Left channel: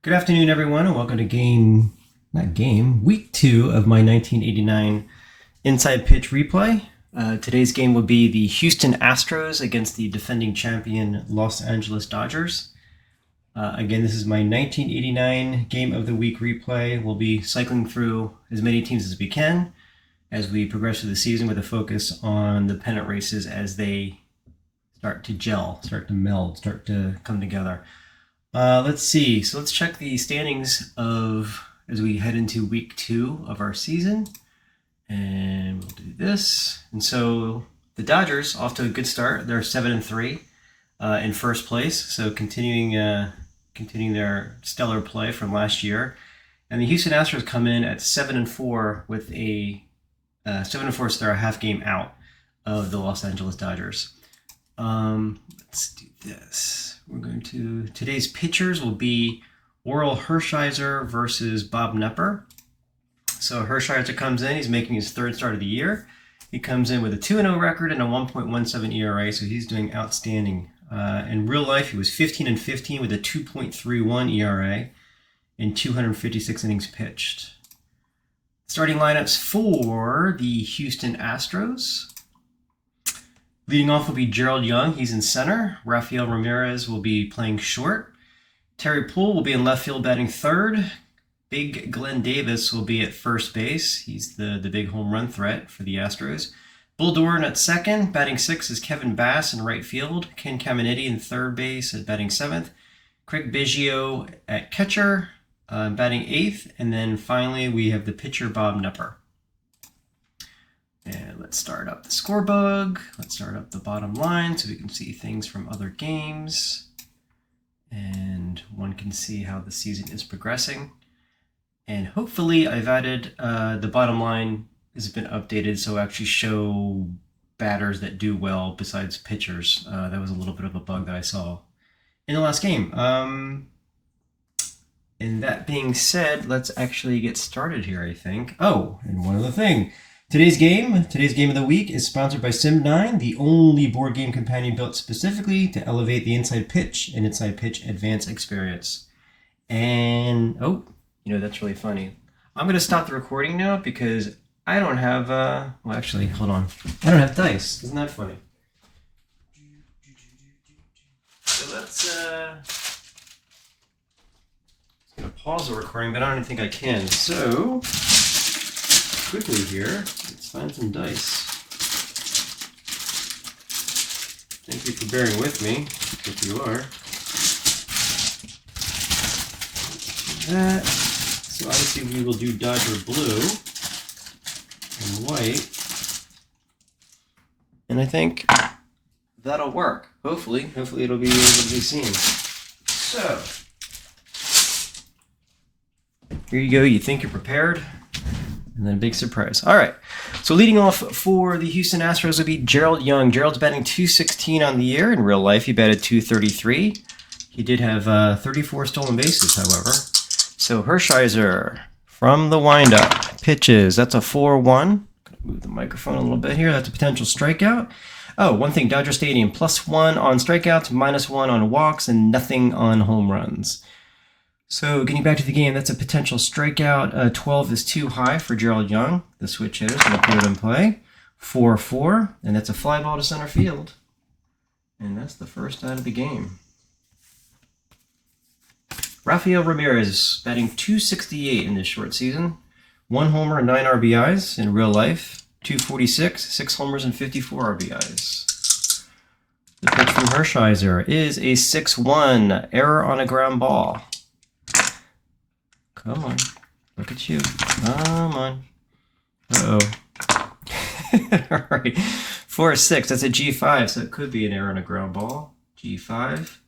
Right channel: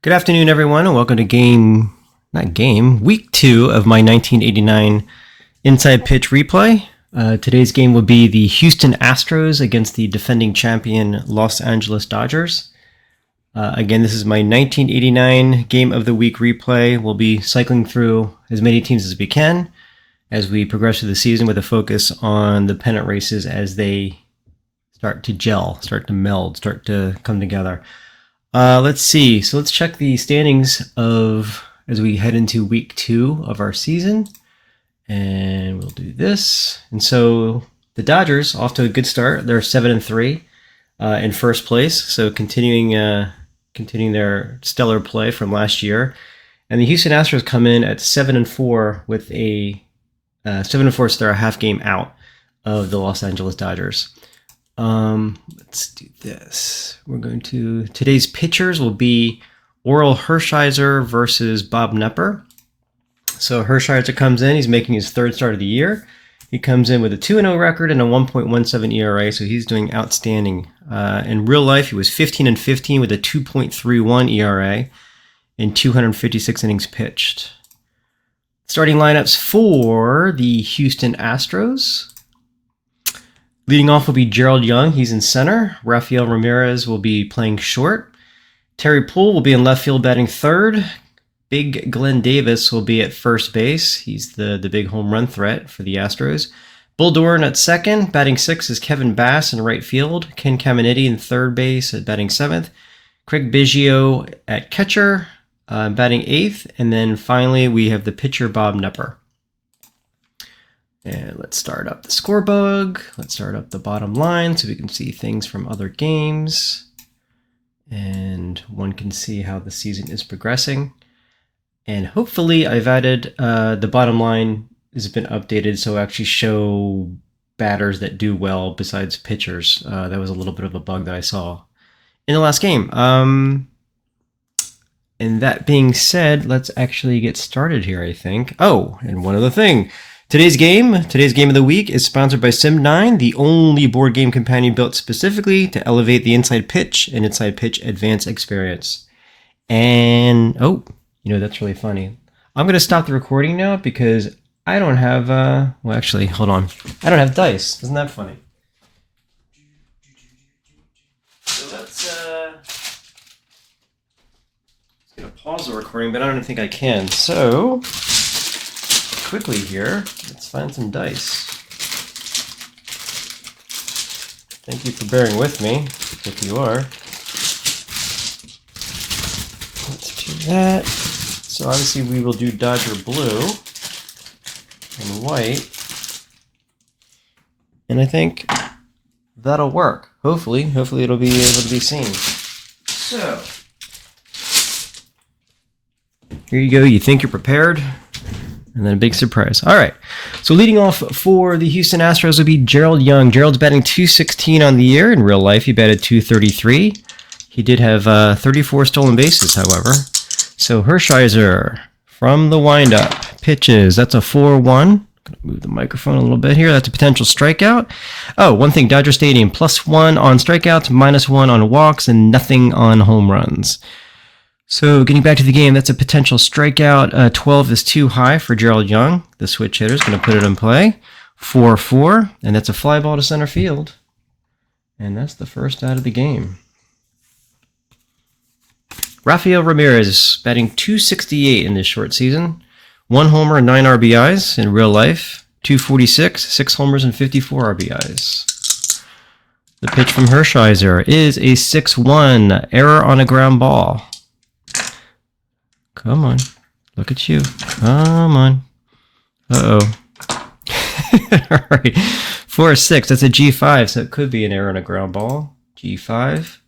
Good afternoon, everyone, and welcome to week 2 of my 1989 Inside Pitch replay. Today's game will be the Houston Astros against the defending champion Los Angeles Dodgers. Again, this is my 1989 Game of the Week replay. We'll be cycling through as many teams as we can as we progress through the season with a focus on the pennant races as they start to gel, start to meld, start to come together. Let's see. So let's check the standings as we head into week 2 of our season. And we'll do this. And so the Dodgers off to a good start. They're 7-3 in first place. So continuing their stellar play from last year. And the Houston Astros come in at 7-4 with a 7-4, so they're a half game out of the Los Angeles Dodgers. Let's do this. Today's pitchers will be Orel Hershiser versus Bob Knepper. So Hershiser comes in, he's making his third start of the year. He comes in with a 2-0 record and a 1.17 ERA, so he's doing outstanding. In real life, he was 15-15 with a 2.31 ERA in 256 innings pitched. Starting lineups for the Houston Astros. Leading off will be Gerald Young. He's in center. Rafael Ramirez will be playing short. Terry Poole will be in left field batting third. Big Glenn Davis will be at first base. He's the big home run threat for the Astros. Bull Doran at second. Batting sixth is Kevin Bass in right field. Ken Caminiti in third base at batting seventh. Craig Biggio at catcher, batting eighth. And then finally we have the pitcher Bob Knepper. And let's start up the scorebook. Let's start up the bottom line so we can see things from other games. And one can see how the season is progressing. And hopefully I've added, the bottom line has been updated so actually show batters that do well besides pitchers. That was a little bit of a bug that I saw in the last game. And that being said, let's actually get started here, I think. Oh, and one other thing. Today's game of the week is sponsored by SIM9, the only board game companion built specifically to elevate the inside pitch and inside pitch advanced experience. And, that's really funny. I'm going to stop the recording now because I don't have, well, actually, hold on. I don't have dice. Isn't that funny? So let's going to pause the recording, but I don't think I can. So quickly here, let's find some dice. Thank you for bearing with me, if you are. Let's do that. So obviously we will do Dodger blue and white. And I think that'll work. Hopefully it'll be able to be seen. So here you go. You think you're prepared? And then a big surprise. All right. So leading off for the Houston Astros will be Gerald Young. Gerald's batting .216 on the year. In real life, he batted .233. He did have 34 stolen bases, however. So Hershiser from the windup pitches. That's a 4-1. Gonna move the microphone a little bit here. That's a potential strikeout. Oh, one thing, Dodger Stadium, +1 on strikeouts, -1 on walks, and nothing on home runs. So getting back to the game, that's a potential strikeout. 12 is too high for Gerald Young. The switch hitter is going to put it in play. 4-4, and that's a fly ball to center field. And that's the first out of the game. Rafael Ramirez batting .268 in this short season. 1 homer and 9 RBIs in real life. .246, 6 homers and 54 RBIs. The pitch from Hershiser is a 6-1, error on a ground ball. Come on. Look at you. Come on. Uh-oh. All right. 4-6. That's a G5, so it could be an error on a ground ball. G5.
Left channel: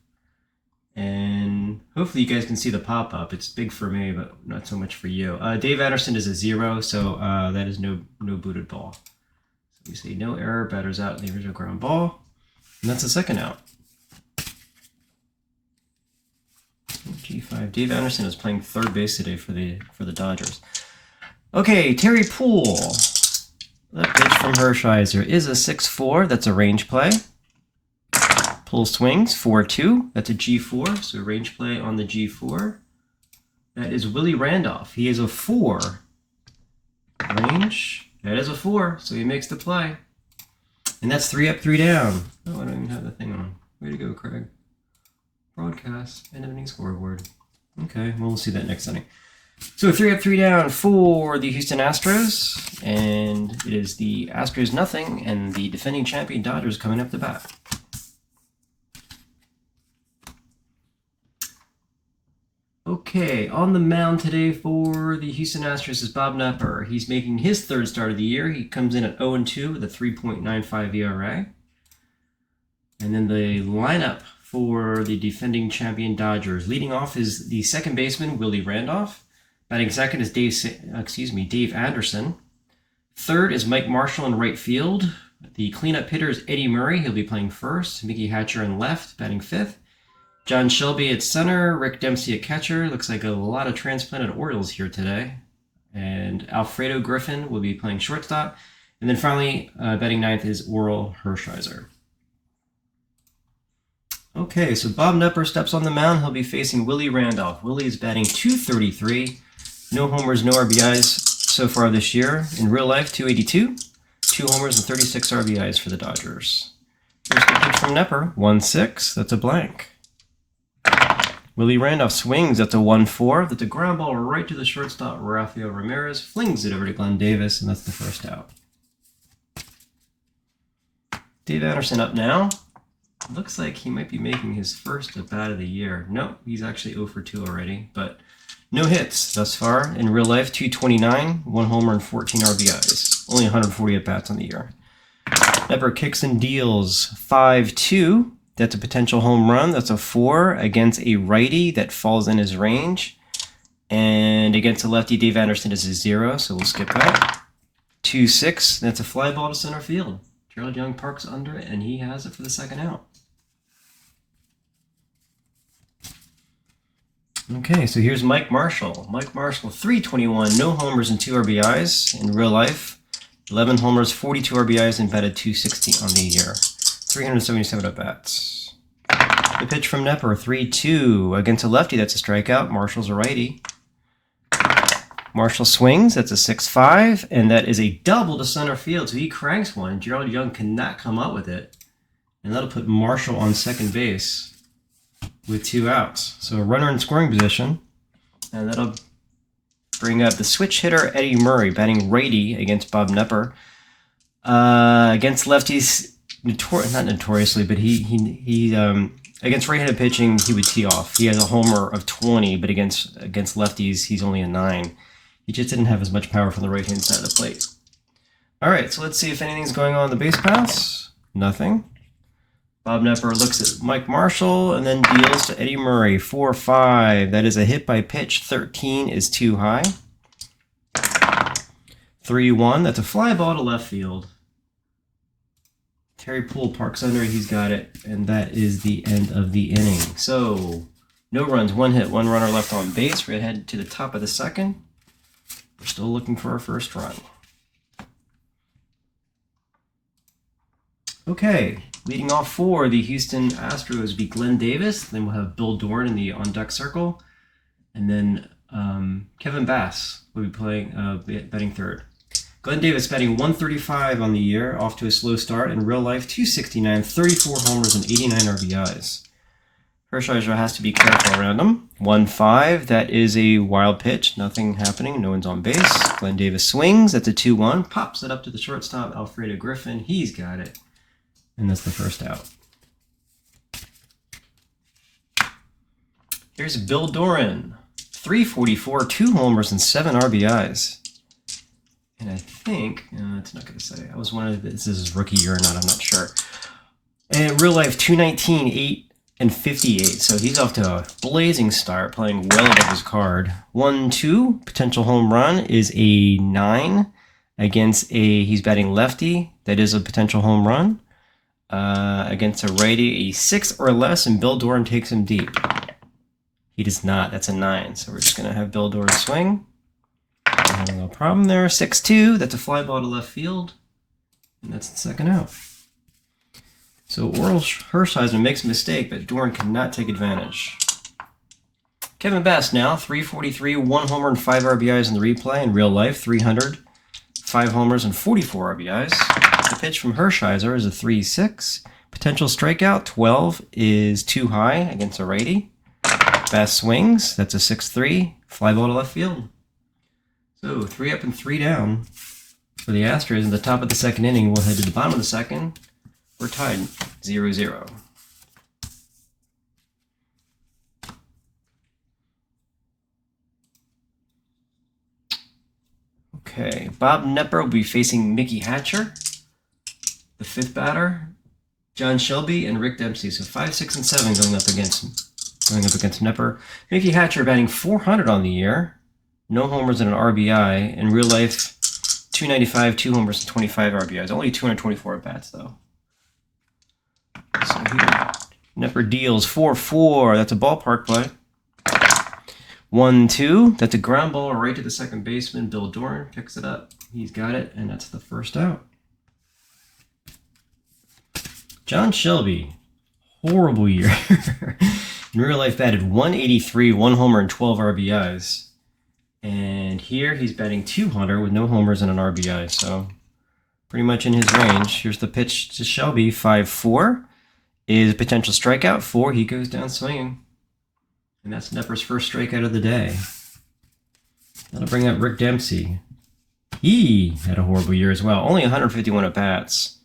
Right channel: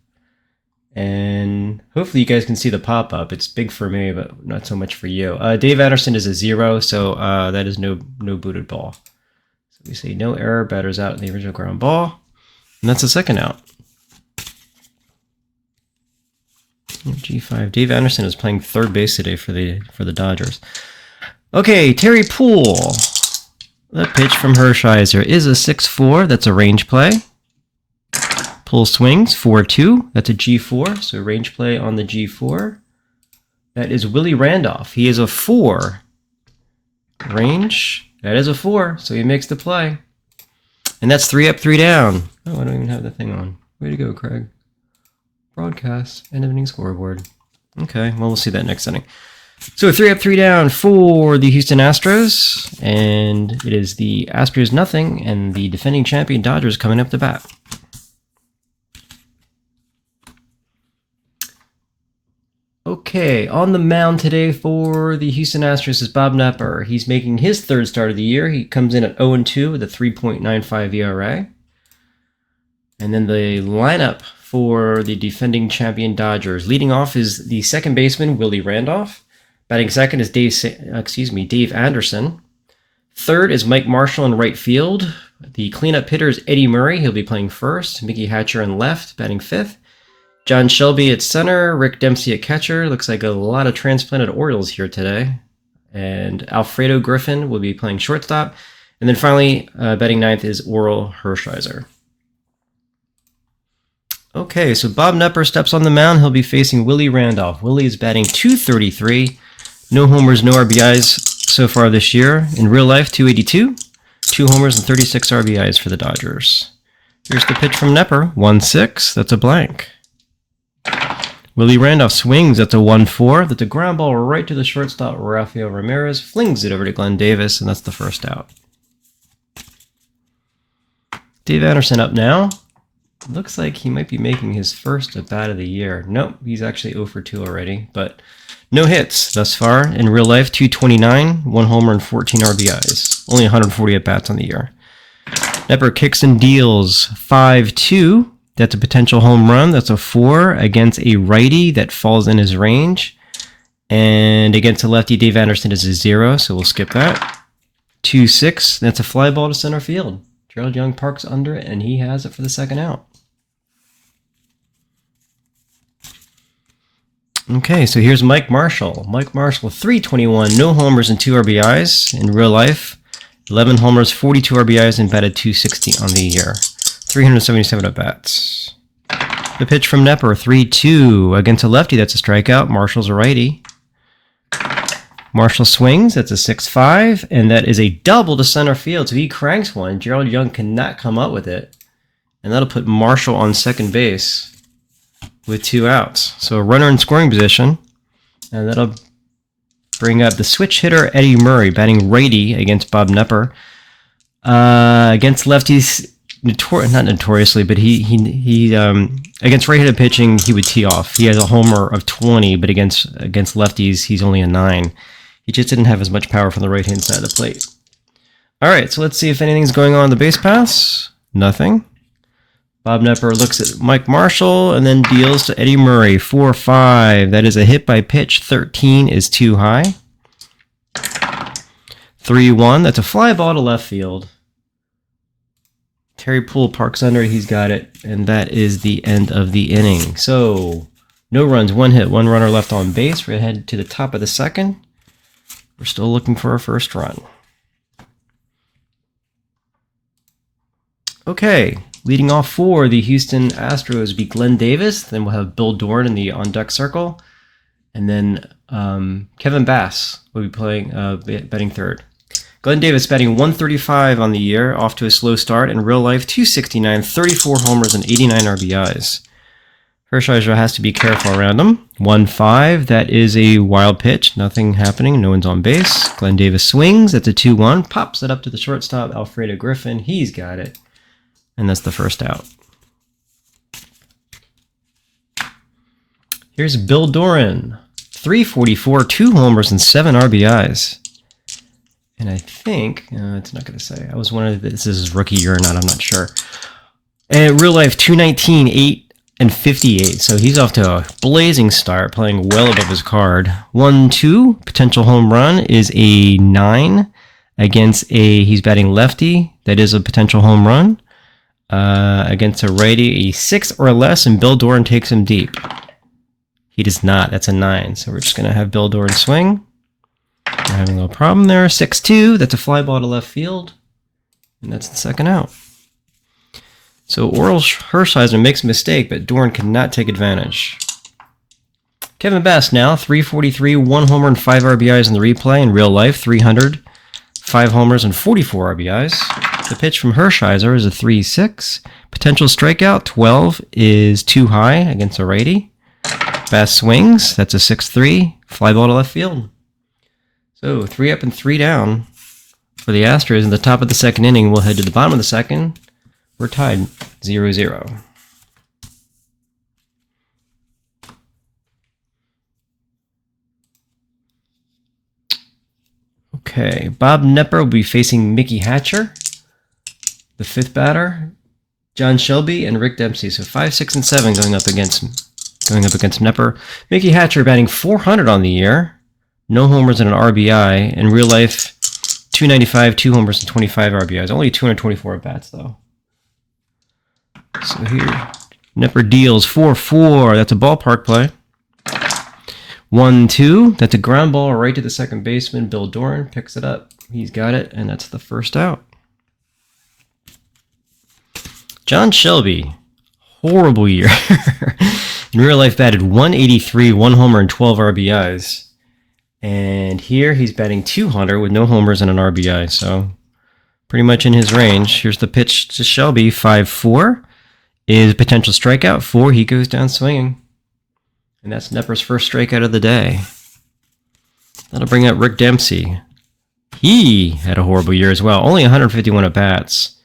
And hopefully you guys can see the pop-up. It's big for me, but not so much for you. Dave Anderson is a 0, so that is no booted ball. So we say no error. Batter's out in the original ground ball. And that's the second out. G5. Dave Anderson is playing third base today for the Dodgers. Okay, Terry Poole. The pitch from Hershiser is a 6-4. That's a range play. Poole swings 4-2. That's a G4. So range play on the G4. That is Willie Randolph. He is a 4. Range. That is a 4, so he makes the play. And that's 3 up, 3 down. Oh, I don't even have the thing on. Way to go, Craig. Broadcast, end of inning scoreboard. Okay, well, we'll see that next inning. So 3 up, 3 down for the Houston Astros. And it is the Astros nothing, and the defending champion Dodgers coming up to bat. Okay, on the mound today for the Houston Astros is Bob Knepper. He's making his 3rd start of the year. He comes in at 0-2 with a 3.95 ERA. And then the lineup for the defending champion Dodgers. Leading off is the second baseman, Willie Randolph. Batting second is Dave Anderson. Third is Mike Marshall in right field. The cleanup hitter is Eddie Murray. He'll be playing first. Mickey Hatcher in left, batting 5th. John Shelby at center, Rick Dempsey at catcher. Looks like a lot of transplanted Orioles here today. And Alfredo Griffin will be playing shortstop. And then finally, batting 9th is Orel Hershiser. Okay, so Bob Knepper steps on the mound. He'll be facing Willie Randolph. Willie is batting .233. No homers, no RBIs so far this year. In real life, .282. 2 homers and 36 RBIs for the Dodgers. Here's the pitch from Knepper. 1-6. That's a blank. Willie Randolph swings. That's a 1-4. That's a ground ball right to the shortstop. Rafael Ramirez flings it over to Glenn Davis, and that's the first out. Dave Anderson up now. Looks like he might be making his first at-bat of the year. Nope, he's actually 0 for 2 already, but no hits thus far. In real life, .229, 1 homer and 14 RBIs. Only 140 at-bats on the year. Knepper kicks and deals 5-2. That's a potential home run. That's a 4 against a righty that falls in his range. And against a lefty, Dave Anderson is a 0, so we'll skip that. 2-6. That's a fly ball to center field. Gerald Young parks under it, and he has it for the second out. Okay, so here's Mike Marshall. Mike Marshall, .321, no homers and 2 RBIs in real life. 11 homers, 42 RBIs, and batted .260 on the year. 377 at-bats. The pitch from Knepper, 3-2. Against a lefty, that's a strikeout. Marshall's a righty. Marshall swings, that's a 6-5, and that is a double to center field, so he cranks one. Gerald Young cannot come up with it, and that'll put Marshall on second base with 2 outs. So a runner in scoring position, and that'll bring up the switch hitter Eddie Murray, batting righty against Bob Knepper. Against lefties, not notoriously, but he against right-handed pitching, he would tee off. He has a homer of 20, but against lefties, he's only a 9. He just didn't have as much power from the right-hand side of the plate. All right, so let's see if anything's going on the base paths. Nothing. Bob Knepper looks at Mike Marshall and then deals to Eddie Murray. 4-5. That is a hit by pitch. 13 is too high. 3-1. That's a fly ball to left field. Terry Poole parks under it. He's got it. And that is the end of the inning. So, no runs, 1 hit, 1 runner left on base. We're headed to the top of the second. We're still looking for our first run. Okay, leading off for the Houston Astros will be Glenn Davis. Then we'll have Bill Dorn in the on-deck circle. And then Kevin Bass will be playing batting third. Glenn Davis batting .135 on the year, off to a slow start. In real life, .269, 34 homers and 89 RBIs. Hershiser has to be careful around him. 1-5, that is a wild pitch. Nothing happening, no one's on base. Glenn Davis swings, that's a 2-1. Pops it up to the shortstop, Alfredo Griffin. He's got it. And that's the first out. Here's Bill Doran. .344, 2 homers and 7 RBIs. And I think, it's not going to say. I was wondering if this is his rookie year or not. I'm not sure. And in real life, .219, 8 and 58. So he's off to a blazing start, playing well above his card. 1-2, potential home run is a 9 against he's batting lefty. That is a potential home run. Against a righty, a 6 or less, and Bill Doran takes him deep. He does not. That's a 9. So we're just going to have Bill Doran swing. We're having a little problem there. 6-2. That's a fly ball to left field. And that's the second out. So Orel Hershiser makes a mistake, but Doran cannot take advantage. Kevin Bass now, 343, 1 homer and 5 RBIs in the replay. In real life, 300, 5 homers and 44 RBIs. The pitch from Hershiser is a 3-6. Potential strikeout, 12, is too high against a righty. Bass swings, that's a 6-3. Fly ball to left field. So 3 up and 3 down for the Astros. In the top of the second inning, we'll head to the bottom of the second. We're tied 0-0. Okay, Bob Knepper will be facing Mickey Hatcher, the 5th batter, John Shelby, and Rick Dempsey. So 5, 6, and 7 going up against Knepper. Mickey Hatcher batting .400 on the year, no homers and an RBI. In real life, 295, 2 homers and 25 RBIs. Only 224 at bats though. So here, Knepper deals 4-4. That's a ballpark play. 1-2. That's a ground ball right to the second baseman. Bill Doran picks it up. He's got it, and that's the first out. John Shelby, horrible year. In real life, batted .183, 1 homer and 12 RBIs. And here he's batting .200 with no homers and an RBI. So pretty much in his range. Here's the pitch to Shelby. 5-4 is potential strikeout. 4. He goes down swinging. And that's Knepper's first strikeout of the day. That'll bring up Rick Dempsey. He had a horrible year as well. Only 151 at-bats.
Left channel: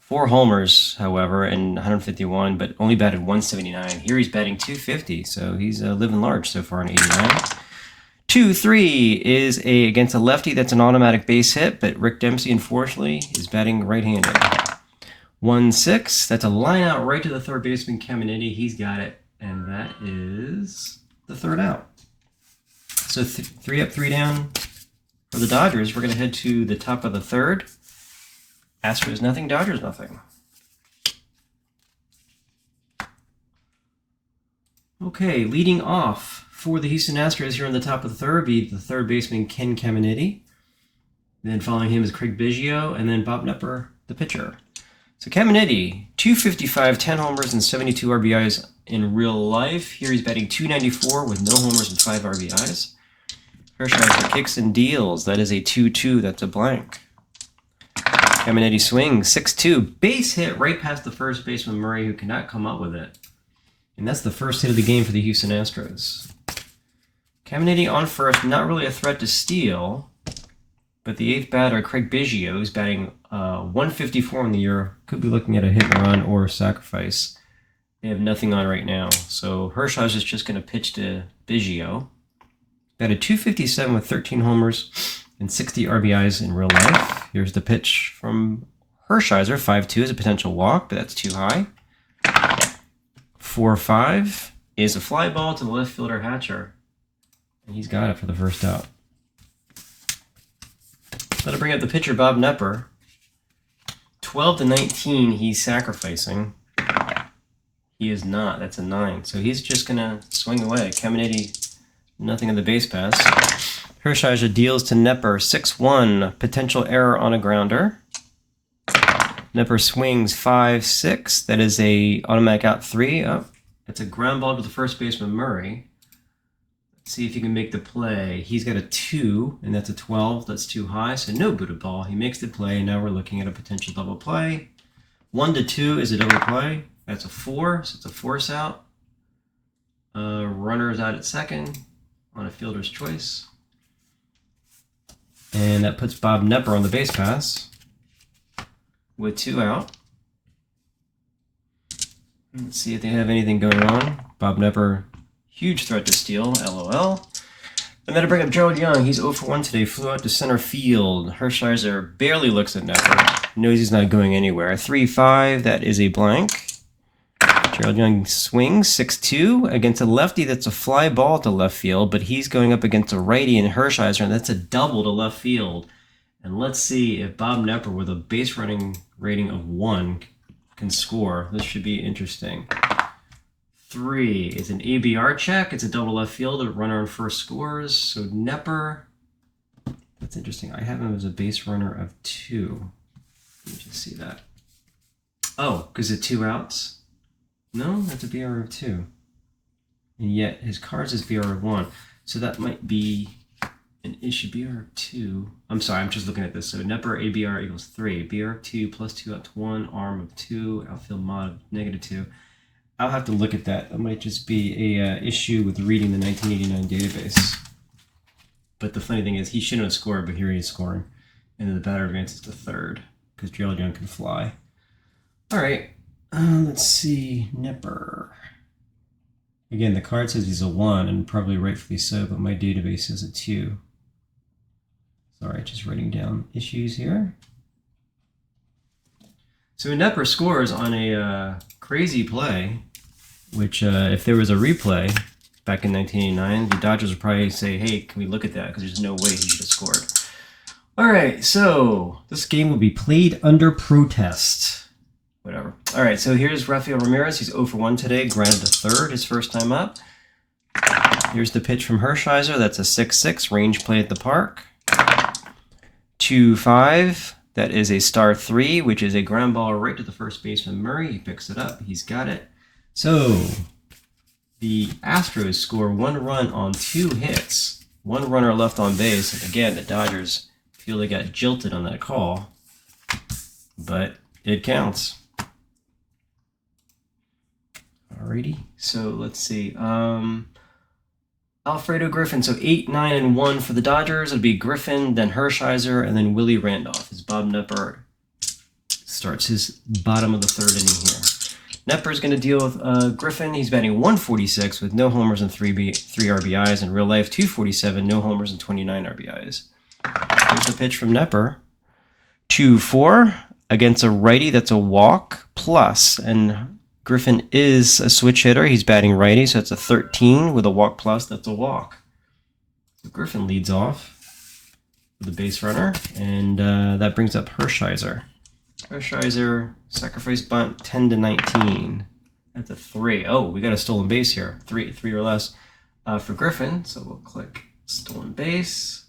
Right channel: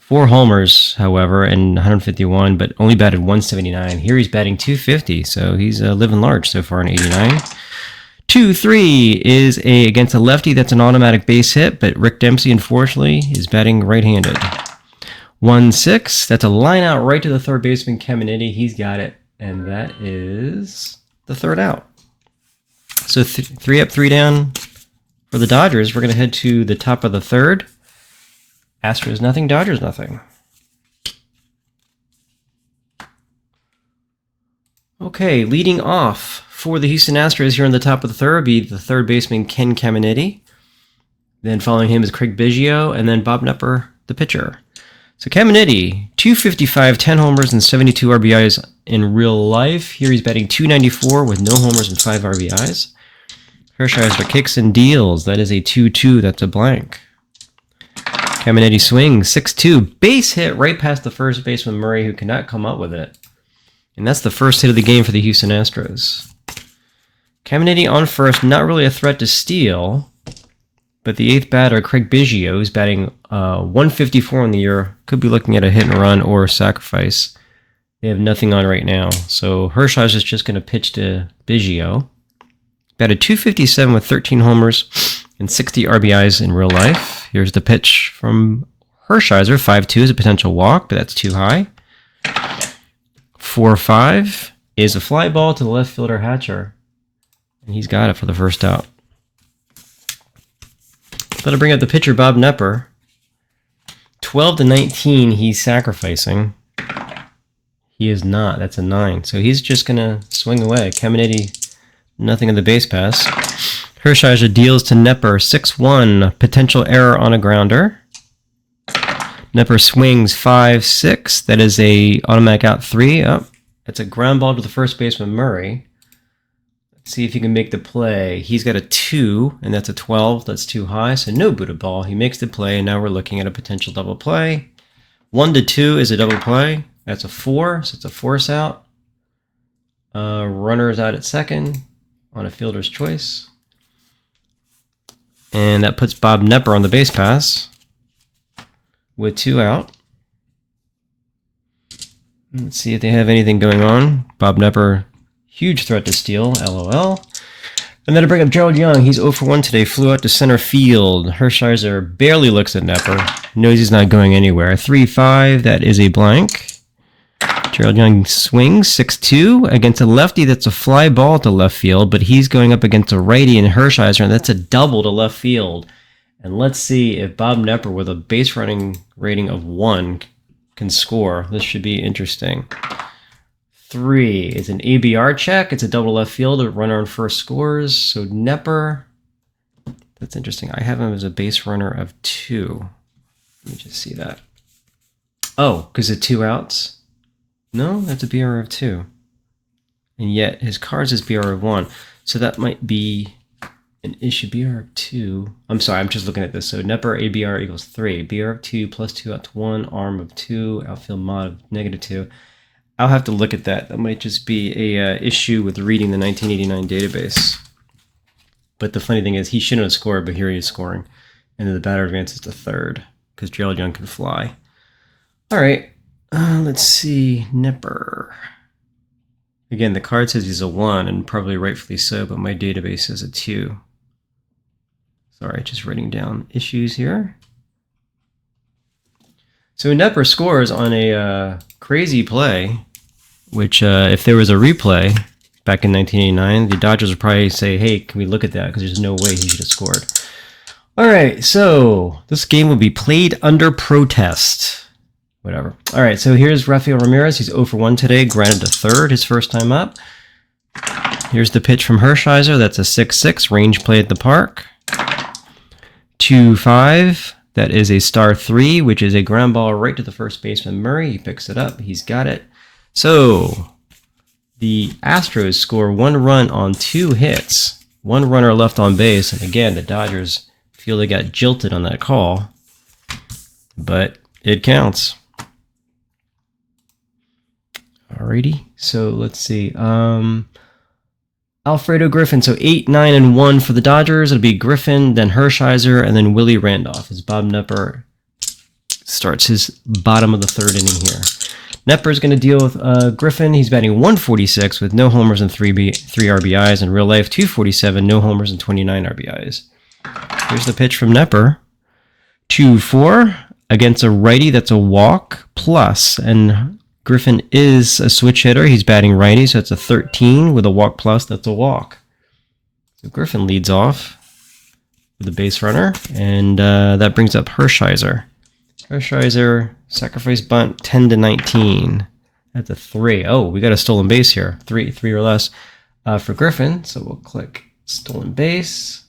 4 homers, however, and 151, but only batted .179. Here he's batting .250, so he's living large so far in 89. 2-3 is against a lefty. That's an automatic base hit, but Rick Dempsey, unfortunately, is batting right-handed. 1-6, that's a line out right to the third baseman, Caminiti. He's got it. And that is the third out. So 3 up, 3 down for the Dodgers. We're going to head to the top of the third. Astros nothing, Dodgers nothing. Okay, leading off for the Houston Astros here on the top of the third be the third baseman Ken Caminiti. Then following him is Craig Biggio, and then Bob Knepper, the pitcher. So Caminiti, 255, 10 homers, and 72 RBIs in real life. Here he's batting .294 with no homers and 5 RBIs. Hershiser kicks and deals. That is a 2-2. That's a blank. Caminiti swings, 6-2. Base hit right past the first baseman Murray, who cannot come up with it. And that's the first hit of the game for the Houston Astros. Caminiti on first, not really a threat to steal. But the 8th batter, Craig Biggio, who's batting .154 in the year, could be looking at a hit and run or a sacrifice. They have nothing on right now. So Hershiser is just going to pitch to Biggio. Batted .257 with 13 homers and 60 RBIs in real life. Here's the pitch from Hershiser. 5-2 is a potential walk, but that's too high. 4-5 is a fly ball to the left fielder Hatcher. And he's got it for the first out. That'll bring up the pitcher, Bob Knepper. 12-19, he's sacrificing. He is not. That's a 9. So he's just going to swing away. Caminiti, nothing in the base pass. Hershiser deals to Knepper. 6-1, potential error on a grounder. Knepper swings 5-6. That is a automatic out 3. Oh, that's a ground ball to the first baseman, Murray. See if he can make the play. He's got a 2, and that's a 12. That's too high, so no booted ball. He makes the play, and now we're looking at a potential double play. 1-2 is a double play. That's a 4, so it's a force out. Runner is out at second on a fielder's choice. And that puts Bob Knepper on the base pass with 2 out. Let's see if they have anything going on. Bob Knepper, huge threat to steal, LOL. And then to bring up Gerald Young, he's 0 for 1 today, flew out to center field. Hershiser barely looks at Knepper, knows he's not going anywhere. 3-5, that is a blank. Gerald Young swings 6-2 against a lefty. That's a fly ball to left field, but he's going up against a righty in Hershiser, and that's a double to left field. And let's see if Bob Knepper, with a base running rating of 1, can score. This should be interesting. 3 is an ABR check. It's a double left field. A runner on first scores. So Knepper, that's interesting. I have him as a base runner of 2. Let me just see that. Oh, because of 2 outs? No, that's a BR of 2. and yet his cards is BR1. So that might be an issue. BR2. I'm sorry, I'm just looking at this. So Knepper ABR equals 3. BR2 plus 2 out to 1. Arm of 2. Outfield mod of -2. I'll have to look at that. That might just be a issue with reading the 1989 database. But the funny thing is, he shouldn't have scored, but here he is scoring. And then the batter advances to third because Gerald Young can fly. All right, let's see. Knepper. Again, the card says he's a 1, and probably rightfully so, but my database says a 2. Sorry, just writing down issues here. So Knepper scores on a crazy play, which if there was a replay back in 1989, the Dodgers would probably say, hey, can we look at that? Because there's no way he should have scored. All right, so this game will be played under protest. Whatever. All right, so here's Rafael Ramirez. He's 0 for 1 today, grounded to third, his first time up. Here's the pitch from Hershiser. That's a 6-6, range play at the park. 2-5. That is a star 3, which is a ground ball right to the first baseman Murray. He picks it up. He's got it. So the Astros score 1 run on 2 hits. 1 runner left on base. And again, the Dodgers feel they got jilted on that call. But it counts. Alrighty. So let's see. Alfredo Griffin, so 8, 9, and 1 for the Dodgers. It'll be Griffin, then Hershiser, and then Willie Randolph as Bob Knepper starts his bottom of the third inning here. Knepper is going to deal with Griffin. He's batting 146 with no homers and 3 RBIs. In real life, 247, no homers and 29 RBIs. Here's the pitch from Knepper. 2-4 against a righty. That's a walk plus, and Griffin is a switch hitter. He's batting righty, so it's a 13 with a walk plus. That's a walk. So Griffin leads off with a base runner, and that brings up Hershiser. Hershiser, sacrifice bunt, 10-19. That's a 3. Oh, we got a stolen base here. 3 or less for Griffin. So we'll click stolen base,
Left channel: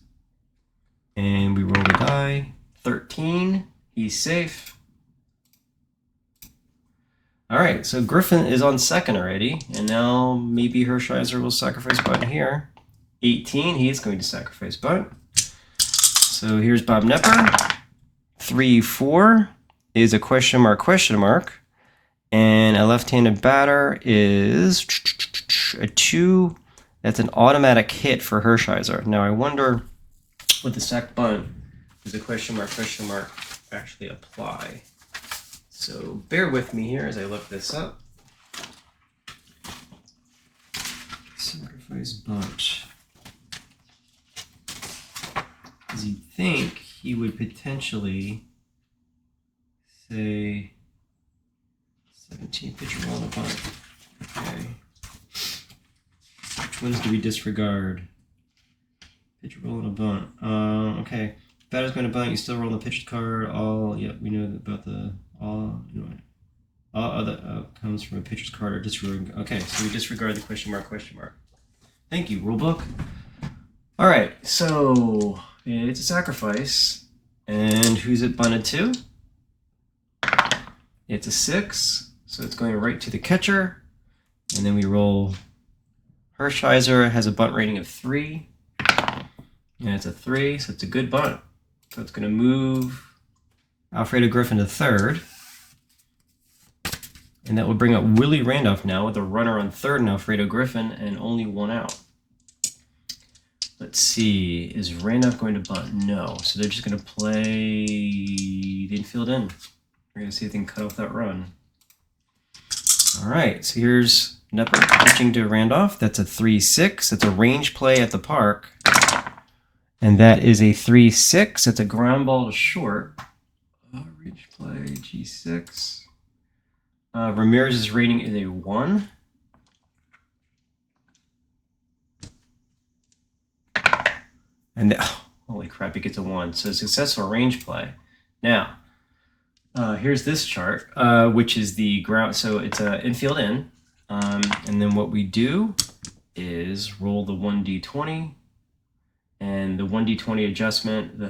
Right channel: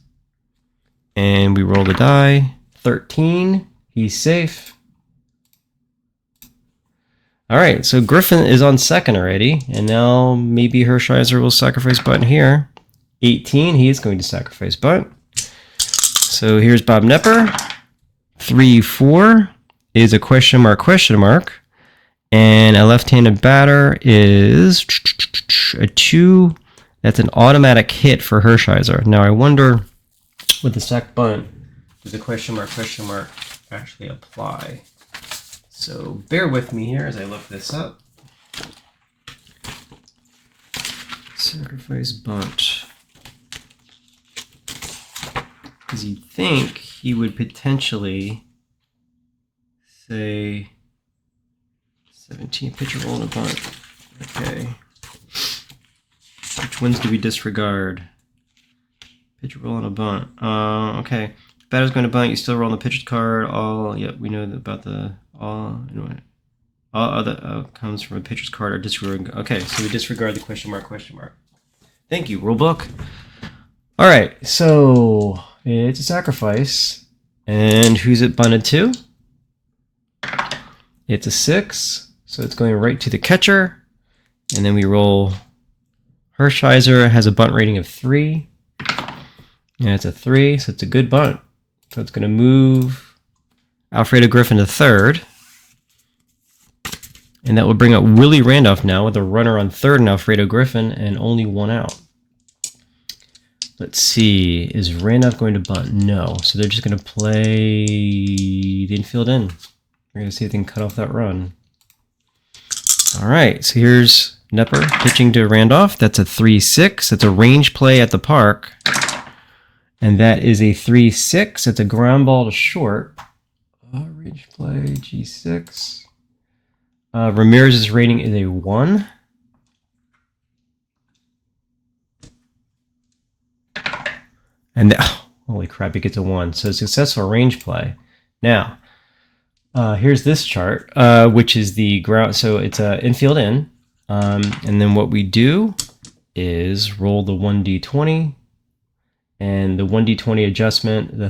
and we roll the die. 13. He's safe. All right, so Griffin is on second already, and now maybe Hershiser will sacrifice bunt here. 18, he is going to sacrifice bunt. So here's Bob Knepper. 3-4 is a question mark, and a left-handed batter is a 2. That's an automatic hit for Hershiser. Now I wonder, with the sac bunt, does the question mark actually apply? So bear with me here as I look this up. Sacrifice bunt. Because you'd think he would potentially say 17 pitcher roll and a bunt. Okay. Which ones do we disregard? Pitcher roll and a bunt. Okay. Batter's going to bunt. You still roll the pitcher's card. Yep, we know about the all other outcomes from a pitcher's card are disregarded. Okay, so we disregard the question mark. Thank you, rulebook. All right, so it's a sacrifice, and who's it bunted to? It's a 6, so it's going right to the catcher, and then we roll. Hershiser has a bunt rating of 3, and it's a 3, so it's a good bunt. So it's going to move Alfredo Griffin to third. And that will bring up Willie Randolph now with a runner on third and Alfredo Griffin and only 1 out. Let's see. Is Randolph going to bunt? No. So they're just going to play the infield in. We're going to see if they can cut off that run. All right. So here's Knepper pitching to Randolph. That's a 3-6. That's a range play at the park. And that is a 3-6. It's a ground ball to short. Range play, G6. Ramirez's rating is a 1. And holy crap, he gets a 1. So successful range play. Now, here's this chart, which is the ground. So it's an infield in. And then what we do is roll the 1d20. And the 1d20 adjustment, the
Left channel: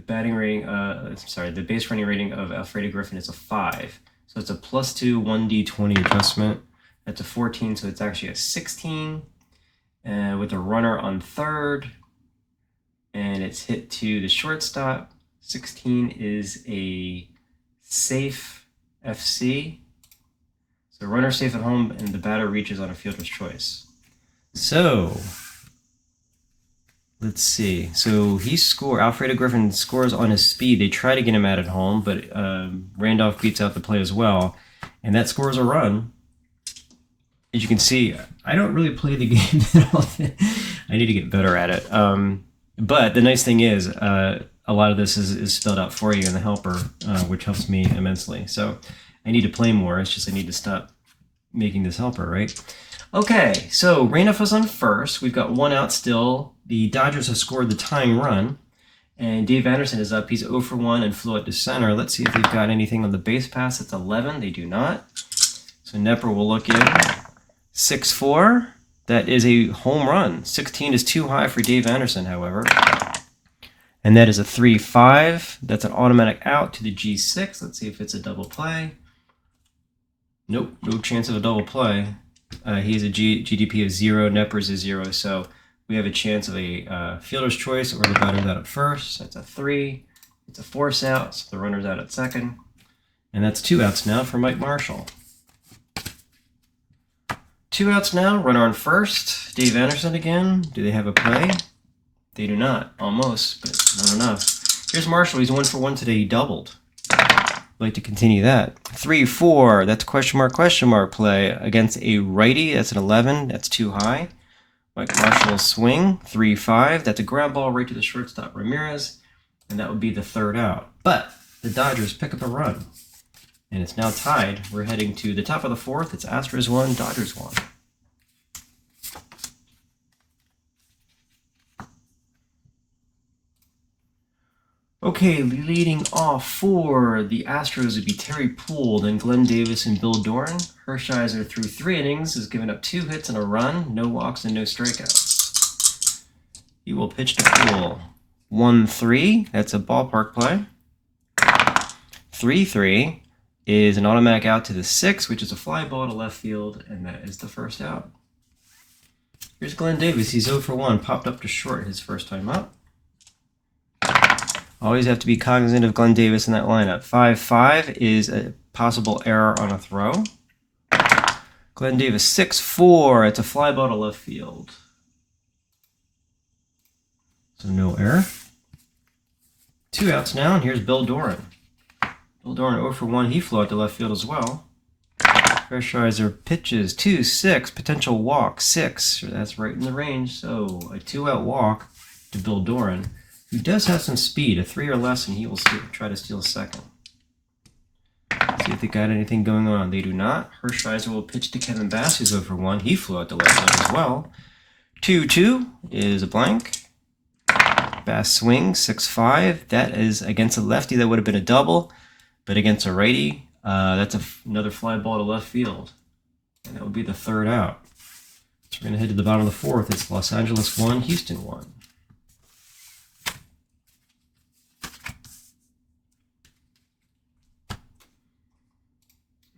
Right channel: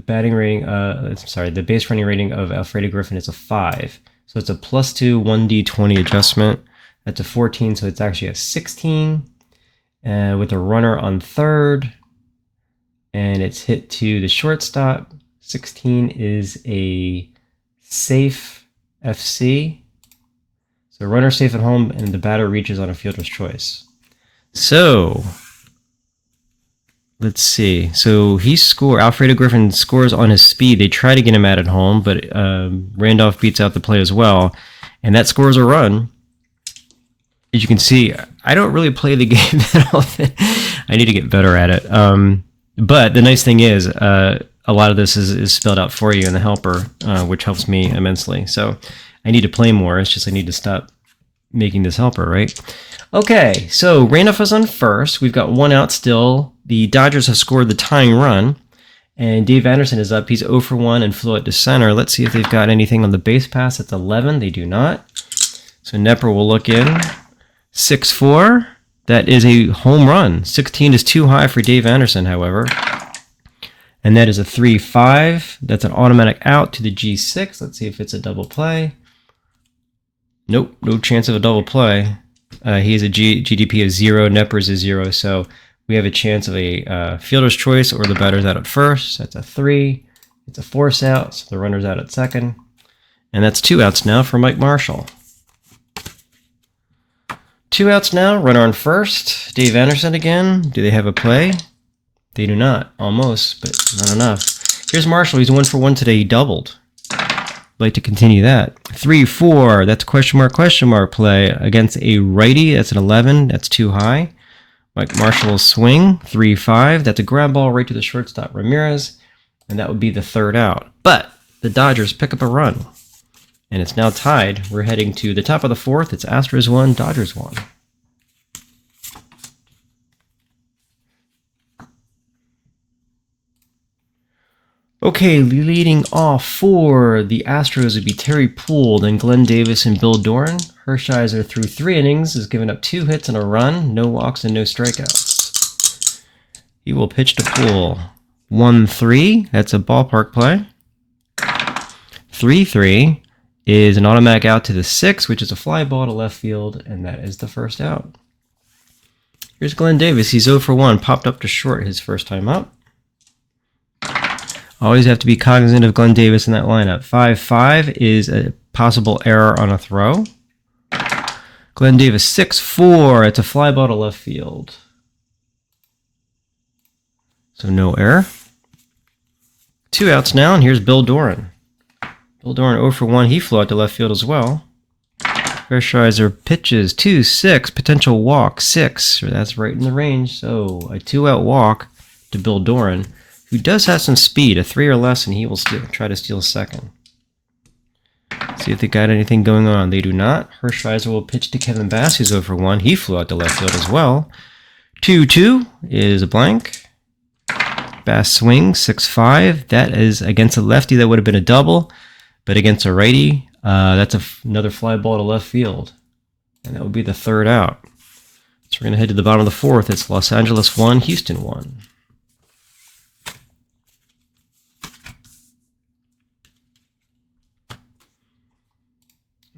base running rating of Alfredo Griffin is a 5. So it's a +2 1d20 adjustment. That's a 14, so it's actually a 16. With a runner on third. And it's hit to the shortstop. 16 is a safe FC. So runner safe at home, and the batter reaches on a fielder's choice. So let's see. So Alfredo Griffin scores on his speed. They try to get him out at home, but Randolph beats out the play as well. And that scores a run. As you can see, I don't really play the game that often. I need to get better at it. But the nice thing is, a lot of this is spelled out for you in the helper, which helps me immensely. So I need to play more. It's just I need to stop making this helper, right? Okay, so Randolph is on first. We've got 1 out still. The Dodgers have scored the tying run. And Dave Anderson is up. He's 0 for 1 and flew it to center. Let's see if they've got anything on the base pass. That's 11. They do not. So Knepper will look in. 6-4. That is a home run. 16 is too high for Dave Anderson, however. And that is a 3-5. That's an automatic out to the G6. Let's see if it's a double play. Nope, no chance of a double play. He has a GDP of 0. Knepper's is 0. So we have a chance of a fielder's choice, or the batter's out at first. That's a 3. It's a force out, so the runner's out at second. And that's 2 outs now for Mike Marshall. 2 outs now, runner on first. Dave Anderson again. Do they have a play? They do not. Almost, but not enough. Here's Marshall. He's 1 for 1 today. He doubled. I'd like to continue that. 3-4. That's a question mark play against a righty. That's an 11. That's too high. Mike Marshall will swing. 3-5. That's a ground ball right to the shortstop, Ramirez. And that would be the 3rd out. But the Dodgers pick up a run. And it's now tied. We're heading to the top of the 4th. It's Astros 1, Dodgers 1. Okay, leading off for the Astros would be Terry Poole, then Glenn Davis and Bill Doran. Hershiser through 3 innings has given up 2 hits and a run, no walks and no strikeouts. He will pitch to Poole. 1-3, that's a ballpark play. 3-3. Is an automatic out to the 6, which is a fly ball to left field, and that is the 1st out. Here's Glenn Davis. He's 0 for 1, popped up to short his first time up. Always have to be cognizant of Glenn Davis in that lineup. 5-5 is a possible error on a throw. Glenn Davis 6-4. It's a fly ball to left field. So no error. 2 outs now, and here's Bill Doran. Bill Doran 0 for 1. He flew out to left field as well. Hershiser pitches 2-6. Potential walk 6. That's right in the range. So a 2-out walk to Bill Doran, who does have some speed. A 3 or less, and he will try to steal second. See if they got anything going on. They do not. Hershiser will pitch to Kevin Bass, who's 0 for 1. He flew out to left field as well. 2-2 is a blank. Bass swings 6-5. That is against a lefty. That would have been a double. But against a righty, that's another fly ball to left field. And that would be the 3rd out. So we're going to head to the bottom of the 4th. It's Los Angeles 1, Houston 1.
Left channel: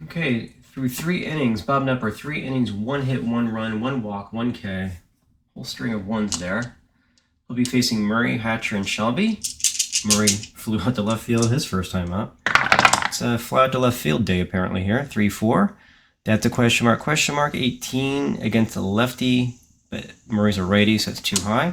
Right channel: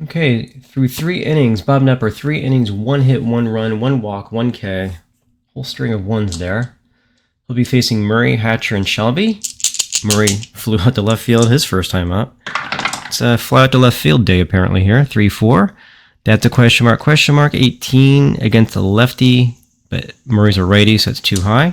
Okay, through 3 innings, Bob Knepper, 3 innings, 1 hit, 1 run, 1 walk, 1 K. Whole string of 1s there. He'll be facing Murray, Hatcher, and Shelby. Murray flew out to left field his first time up. It's a fly out to left field day apparently here. 3-4. That's a question mark. 18 against a lefty, but Murray's a righty, so it's too high.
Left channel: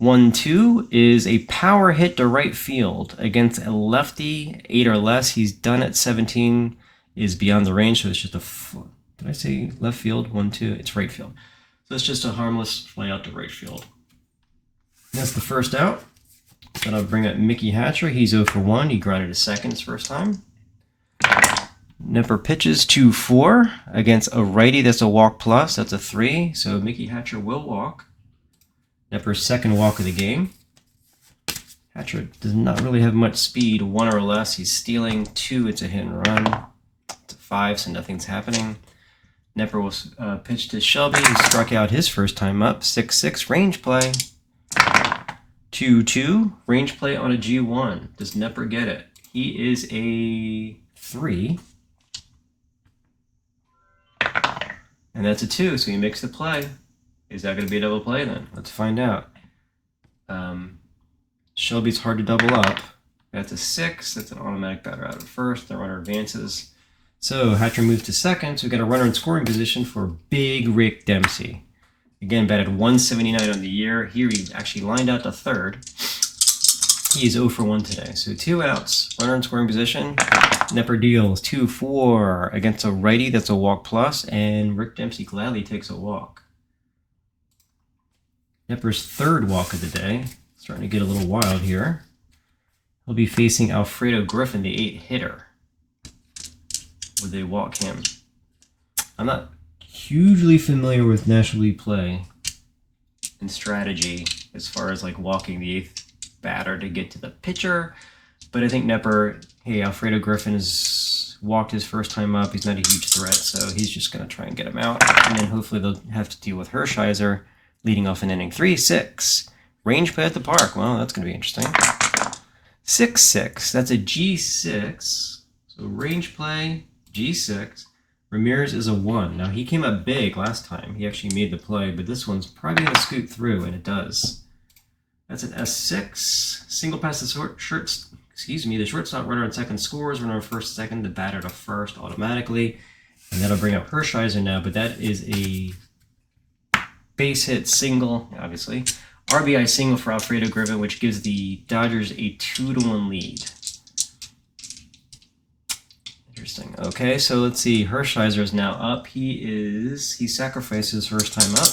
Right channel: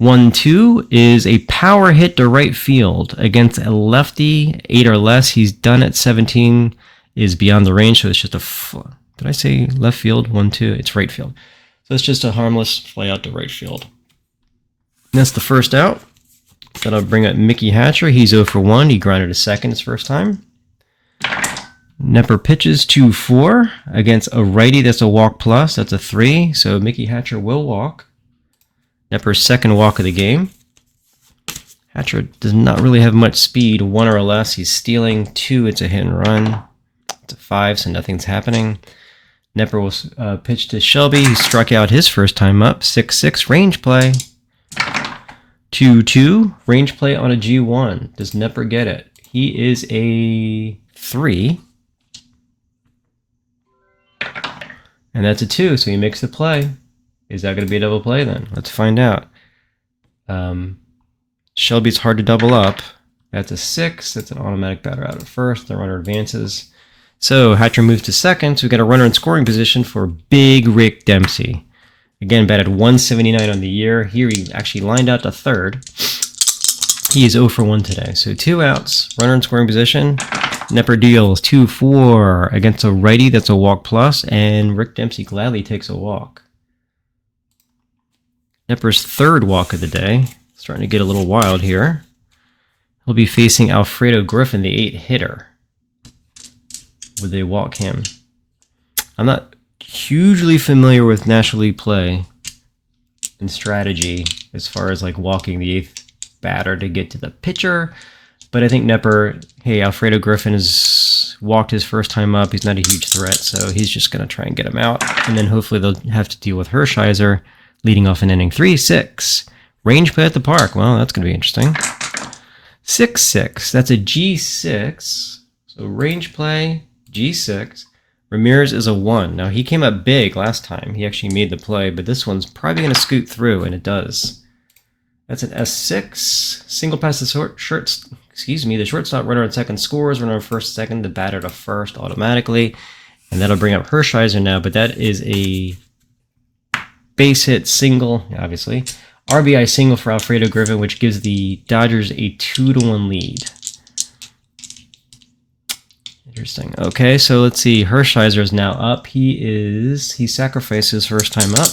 1-2 is a power hit to right field against a lefty, 8 or less. He's done at 17, is beyond the range, so it's just a... Did I say left field? 1-2. It's right field. So it's just a harmless fly out to right field. And that's the 1st out. Then I'll bring up Mickey Hatcher. He's 0 for 1. He grounded to second his first time. Knepper pitches 2-4 against a righty. That's a walk plus. That's a 3. So Mickey Hatcher will walk. Knepper's 2nd walk of the game. Hatcher does not really have much speed. 1 or less. He's stealing. 2. It's a hit and run. It's a 5, so nothing's happening. Knepper will pitch to Shelby, who struck out his first time up. 6-6 range play. 2-2 range play on a G1. Does Knepper get it? He is a 3. And that's a 2, so he makes the play. Is that going to be a double play then? Let's find out. Shelby's hard to double up. That's a 6. That's an automatic batter out at first. The runner advances. So Hatcher moves to second. So we've got a runner in scoring position for Big Rick Dempsey. Again, batted 179 on the year. Here he actually lined out to third. He is 0 for 1 today. So 2 outs, runner in scoring position. Knepper deals 2-4 against a righty. That's a walk plus, and Rick Dempsey gladly takes a walk. Knepper's third walk of the day. Starting to get a little wild here. He'll be facing Alfredo Griffin, the 8 hitter. Would they walk him? I'm not hugely familiar with National League play and strategy as far as like walking the 8th batter to get to the pitcher. But I think Knepper, hey, Alfredo Griffin has walked his first time up. He's not a huge threat, so he's just going to try and get him out. And then hopefully they'll have to deal with Hershiser leading off in inning 3-6. Range play at the park. Well, that's going to be interesting. 6-6. That's a G6. So range play, G6. Ramirez is a 1. Now, he came up big last time. He actually made the play, but this one's probably going to scoot through, and it does. That's an S6. Single pass the the shortstop runner at second scores, runner on first, second, the batter to first automatically. And that'll bring up Hershiser now, but that is a base hit single, obviously. RBI single for Alfredo Griffin, which gives the Dodgers a 2-1 lead. Interesting. Okay, so let's see. Hershiser is now up. He sacrificed his first time up.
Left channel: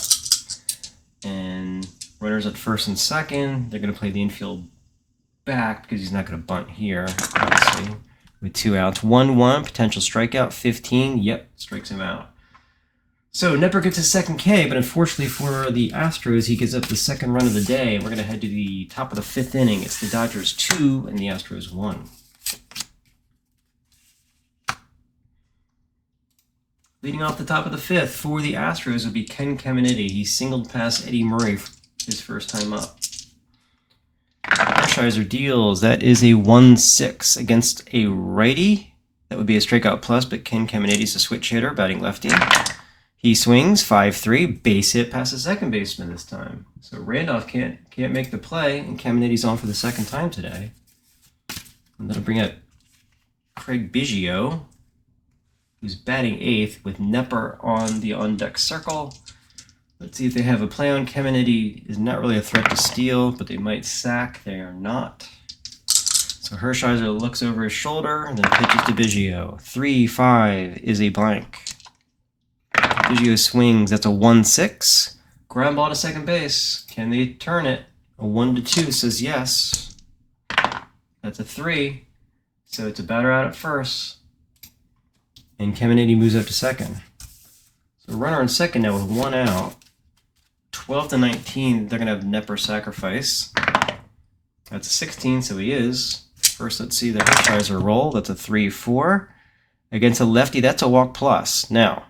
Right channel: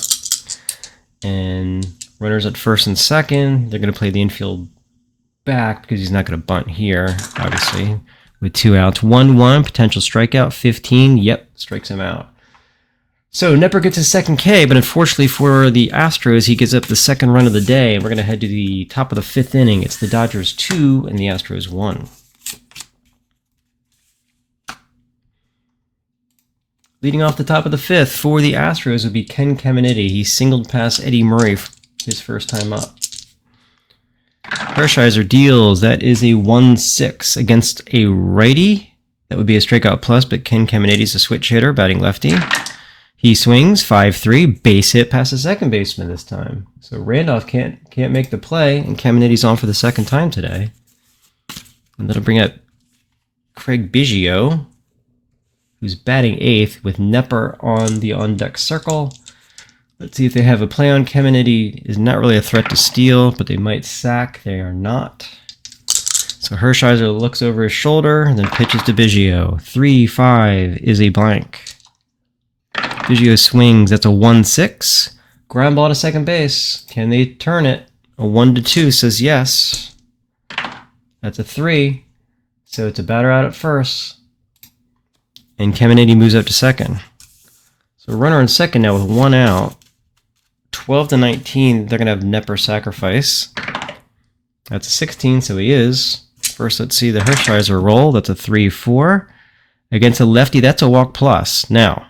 And runners at first and second. They're going to play the infield back because he's not going to bunt here, obviously, with 2 outs. 1-1, potential strikeout, 15. Yep, strikes him out. So Knepper gets his second K, but unfortunately for the Astros, he gives up the second run of the day. We're going to head to the top of the 5th inning. It's the Dodgers 2 and the Astros 1. Leading off the top of the 5th for the Astros would be Ken Caminiti. He singled past Eddie Murray his first time up. Hershiser deals. That is a 1-6 against a righty. That would be a strikeout plus, but Ken Caminiti's a switch hitter, batting lefty. He swings 5-3, base hit past the second baseman this time. So Randolph can't make the play, and Caminiti's on for the second time today. And that'll bring up Craig Biggio, who's batting 8th with Knepper on the on-deck circle. Let's see if they have a play on. Caminiti is not really a threat to steal, but they might sack. They are not. So Hershiser looks over his shoulder and then pitches to Biggio. 3-5 is a blank. Biggio swings. That's a 1-6. Ground ball to second base. Can they turn it? A 1-2 says yes. That's a 3. So it's a batter out at first. And Caminiti moves up to second. So runner on second now with 1 out. 12-19, they're going to have Knepper sacrifice. That's a 16, so he is. First, let's see the Hershiser roll. That's a 3-4. Against a lefty, that's a walk plus. Now,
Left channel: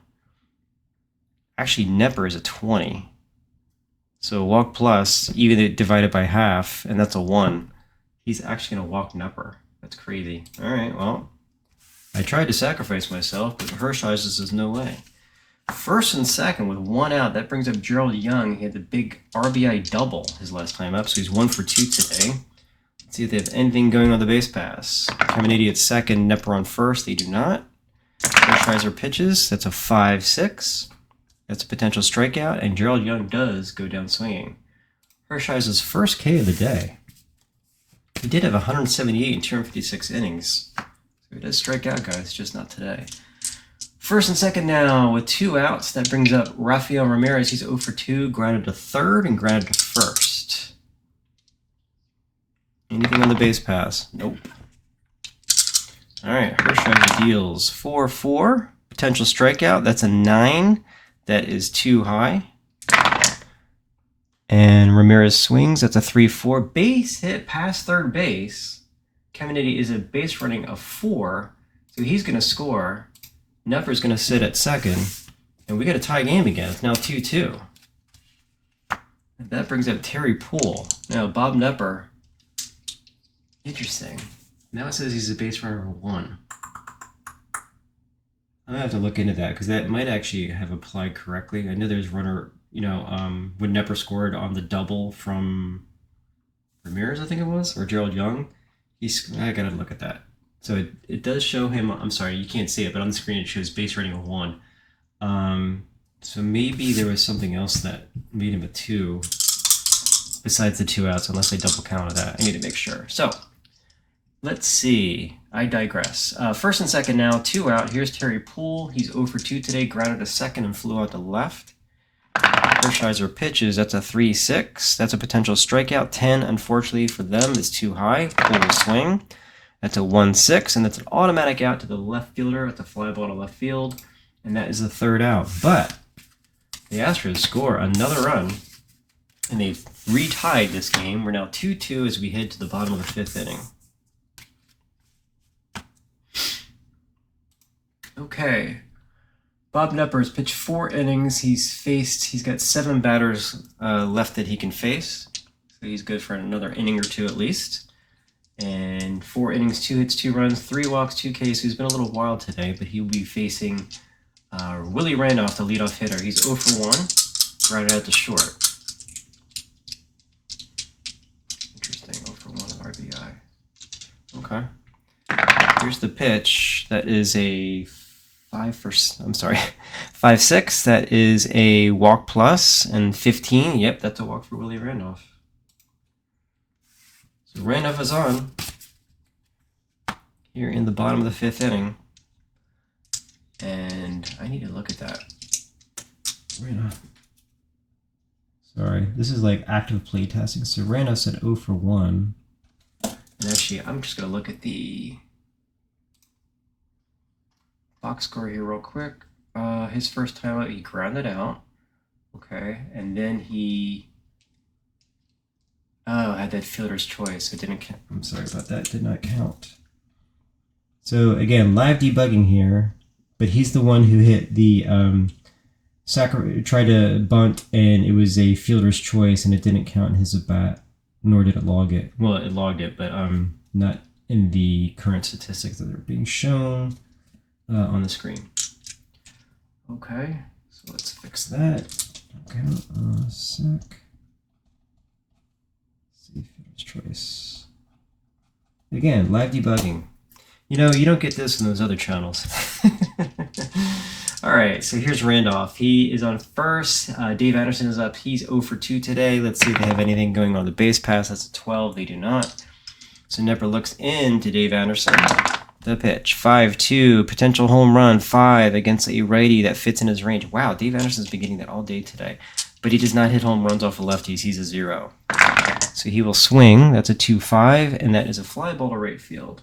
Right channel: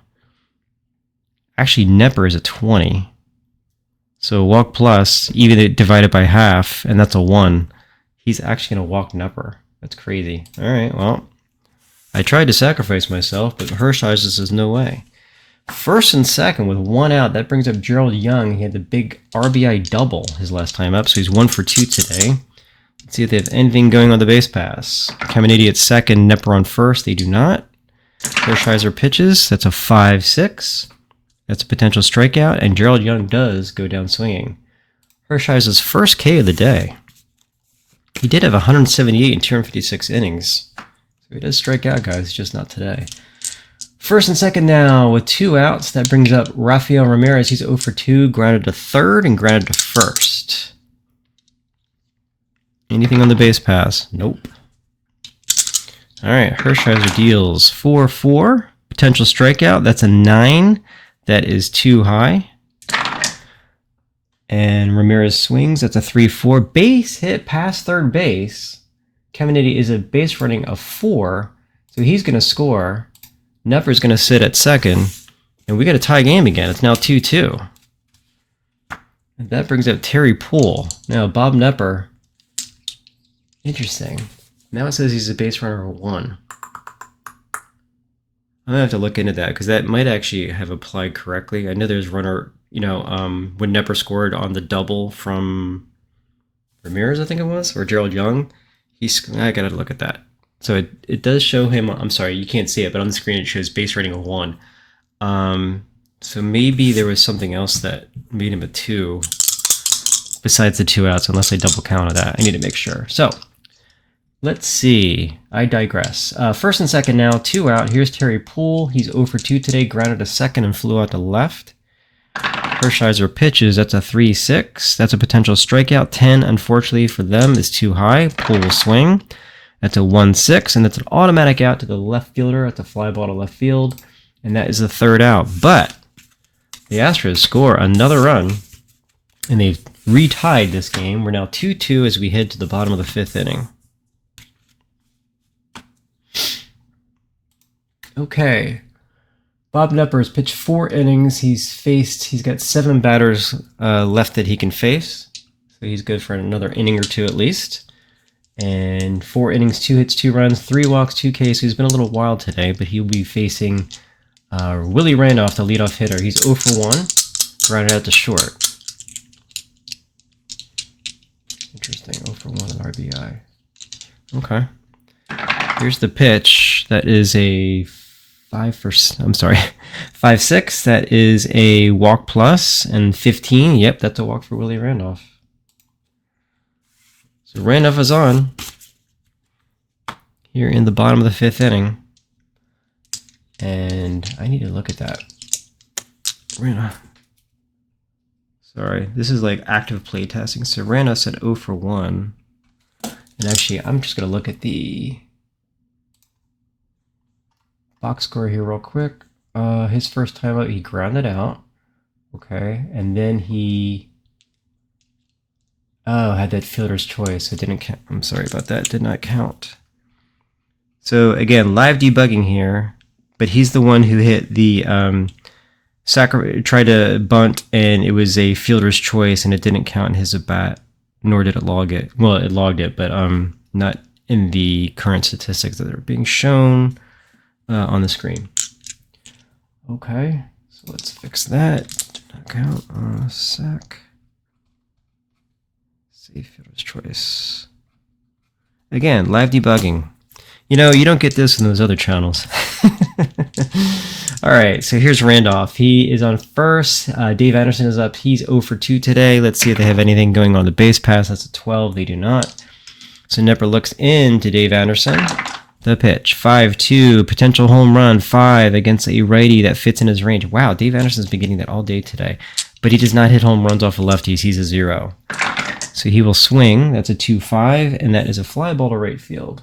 actually, Knepper is a 20. So walk plus, even divided by half, and that's a 1. He's actually going to walk Knepper. That's crazy. All right, well, I tried to sacrifice myself, but Hershiser says no way. First and second with 1 out. That brings up Gerald Young. He had the big RBI double his last time up, so he's 1 for 2 today. Let's see if they have anything going on the base pass. Caminiti at second, Knepper on first. They do not. Hershiser pitches. That's a 5-6. That's a potential strikeout, and Gerald Young does go down swinging. Hershiser's first K of the day. He did have 178 in 256 innings. So he does strike out, guys, just not today. First and second now with 2 outs. That brings up Rafael Ramirez. He's 0 for 2, grounded to third and grounded to first. Anything on the base pass? Nope. All right, Hershiser deals 4-4. Potential strikeout. That's a 9. That is too high. And Ramirez swings. That's a 3-4. Base hit past third base. Caminiti is a base running of 4, so he's going to score. Knepper's going to sit at second, and we got a tie game again. It's now 2-2. And that brings up Terry Poole. Now, Bob Knepper. Interesting. Now it says he's a base runner of 1. I'm gonna have to look into that because that might actually have applied correctly. I know there's runner, when Knepper scored on the double from Ramirez, I think it was, or Gerald Young. I gotta look at that. So it does show him. I'm sorry, you can't see it, but on the screen it shows base rating of 1. So maybe there was something else that made him a 2 besides the 2 outs, unless I double counted that. I need to make sure. So let's see. I digress. First and second now, 2 out. Here's Terry Poole. He's 0 for 2 today, grounded to second and flew out to left. Hershiser pitches. That's a 3-6. That's a potential strikeout. 10, unfortunately for them, is too high. Poole will swing. That's a 1-6, and that's an automatic out to the left fielder. That's a fly ball to left field, and that is the 3rd out. But the Astros score another run, and they've retied this game. We're now 2-2 as we head to the bottom of the 5th inning. Okay. Bob Knepper has pitched 4 innings. He's got 7 batters left that he can face. So he's good for another inning or 2 at least. And 4 innings, 2 hits, 2 runs, 3 walks, 2 Ks. So he's been a little wild today, but he'll be facing Willie Randolph, the leadoff hitter. He's 0 for 1, grounded out to short. Interesting, 0 for 1 at RBI. Okay. Here's the pitch. That is a 5-6. That is a walk plus, and 15. Yep, that's a walk for Willie Randolph. So Randolph is on here in the bottom of the 5th inning, and I need to look at that. Randolph. Sorry, this is like active play testing. So Randolph said 0 for 1, and actually, I'm just gonna look at the box score here real quick. His first time out, he grounded out. Okay, and then he had that fielder's choice. It didn't count. I'm sorry about that. It did not count. So again, live debugging here, but he's the one who hit the tried to bunt, and it was a fielder's choice, and it didn't count in his at bat, nor did it log it. Well, it logged it, but not in the current statistics that are being shown on the screen. Okay, so let's fix that. Did not count on a sec. Save fielder's choice. Again, live debugging. You don't get this in those other channels. All right, so here's Randolph. He is on first. Dave Anderson is up. He's 0 for 2 today. Let's see if they have anything going on the base pass. That's a 12. They do not. So Knepper looks into Dave Anderson. The pitch, 5-2, potential home run, 5 against a righty that fits in his range. Wow, Dave Anderson's been getting that all day today. But he does not hit home runs off of lefties. He's a 0. So he will swing. That's a 2-5, and that is a fly ball to right field.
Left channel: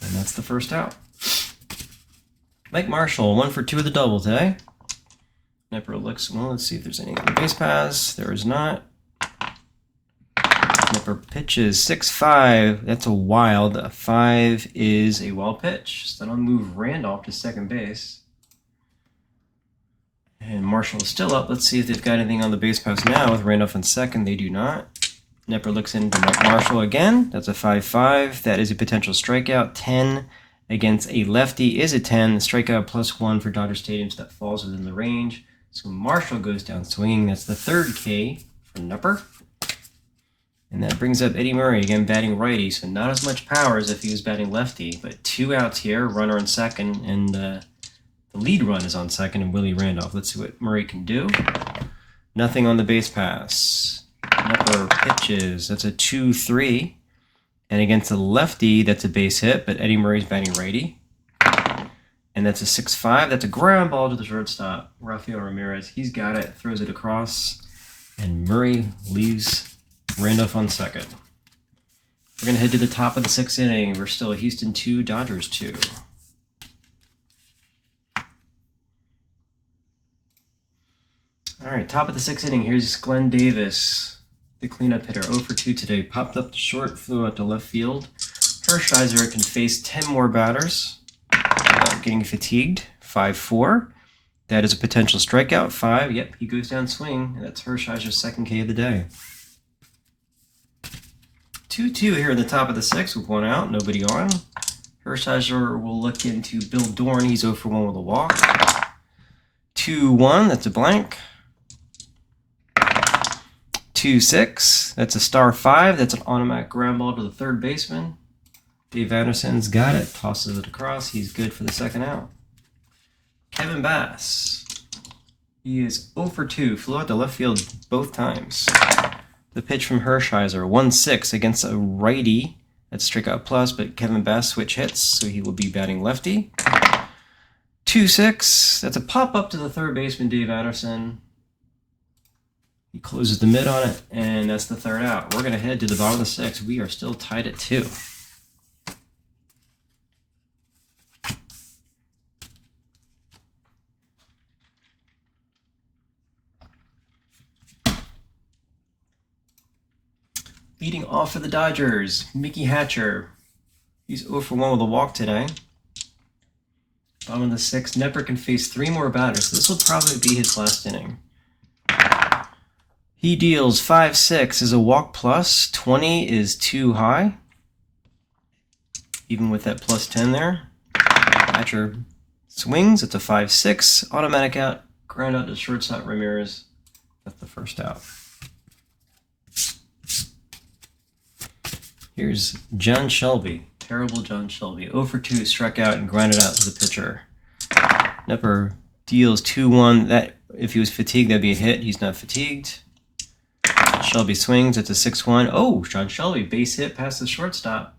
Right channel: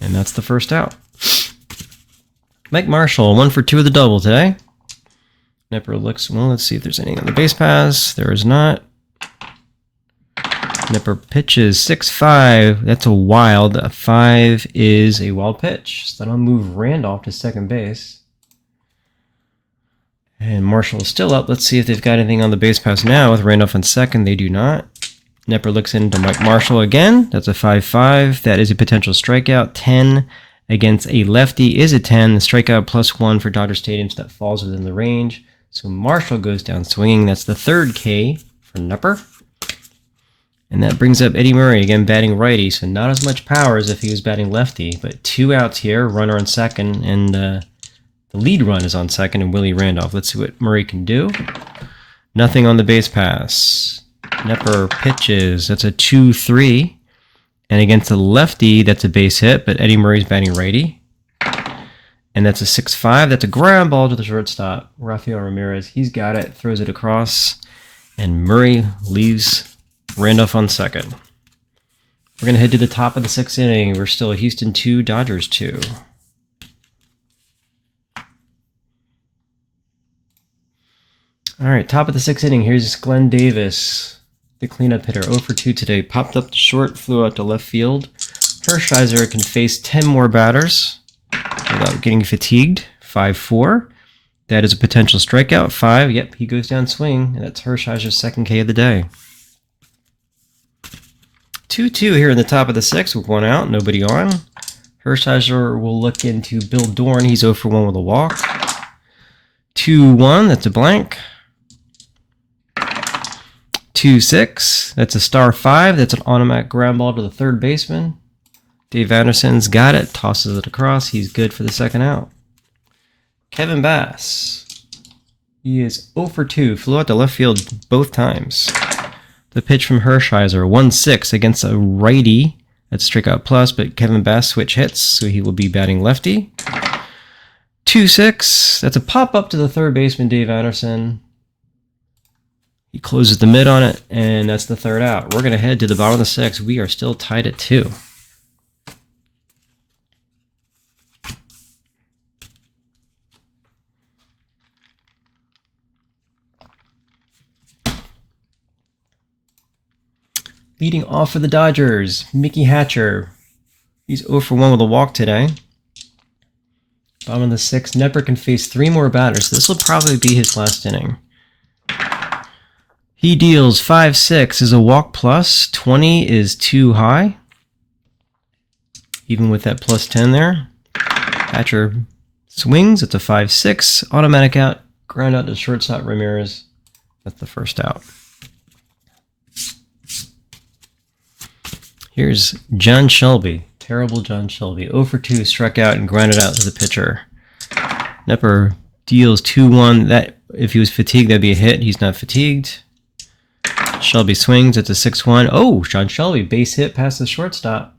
And that's the first out. Mike Marshall, 1 for 2 with a double today. Knepper looks, well, let's see if there's anything on the base pass. There is not. Knepper pitches 6-5. That's a wild. A 5 is a wild pitch. So that'll move Randolph to second base. And Marshall is still up. Let's see if they've got anything on the base pass now with Randolph in second. They do not. Knepper looks into Mike Marshall again. That's a 5-5. That is a potential strikeout. 10 against a lefty is a 10. The strikeout +1 for Dodger Stadium, so that falls within the range. So Marshall goes down swinging. That's the 3rd K for Knepper. And that brings up Eddie Murray, again batting righty, so not as much power as if he was batting lefty. But 2 outs here, runner on second, and the lead run is on second, and Willie Randolph. Let's see what Murray can do. Nothing on the base pass. Knepper pitches. That's a 2-3. And against the lefty, that's a base hit, but Eddie Murray's batting righty. And that's a 6-5. That's a ground ball to the shortstop. Rafael Ramirez, he's got it, throws it across, and Murray leaves Randolph on second. We're going to head to the top of the 6th inning. We're still Houston 2, Dodgers 2. All right, top of the 6th inning. Here's Glenn Davis, the cleanup hitter. 0 for 2 today. Popped up to short, flew out to left field. Hershiser can face 10 more batters without getting fatigued. 5-4. That is a potential strikeout. 5. Yep, he goes down swing. And that's Hershiser's 2nd K of the day. 2-2 here in the top of the 6th with 1 out, nobody on. Hershiser will look into Bill Dorn. He's 0 for 1 with a walk. 2-1, that's a blank. 2-6, that's a star 5. That's an automatic ground ball to the third baseman. Dave Anderson's got it, tosses it across. He's good for the second out. Kevin Bass. He is 0 for 2, flew out to left field both times. The pitch from Hershiser, 1-6 against a righty. That's strikeout plus, but Kevin Bass switch hits, so he will be batting lefty. 2-6, that's a pop-up to the third baseman, Dave Anderson. He closes the mid on it, and that's the third out. We're going to head to the bottom of the sixth. We are still tied at 2. Leading off for the Dodgers, Mickey Hatcher. He's 0 for 1 with a walk today. Bottom of the sixth, Knepper can face 3 more batters. This will probably be his last inning. He deals 5-6 is a walk plus. 20 is too high. Even with that plus 10 there. Hatcher swings. It's a 5-6. Automatic out. Ground out to shortstop Ramirez. That's the first out. Here's John Shelby. Terrible John Shelby. 0 for 2, struck out and grounded out to the pitcher. Knepper deals 2-1. That, if he was fatigued, that'd be a hit. He's not fatigued. Shelby swings. It's a 6-1. Oh, John Shelby, base hit past the shortstop.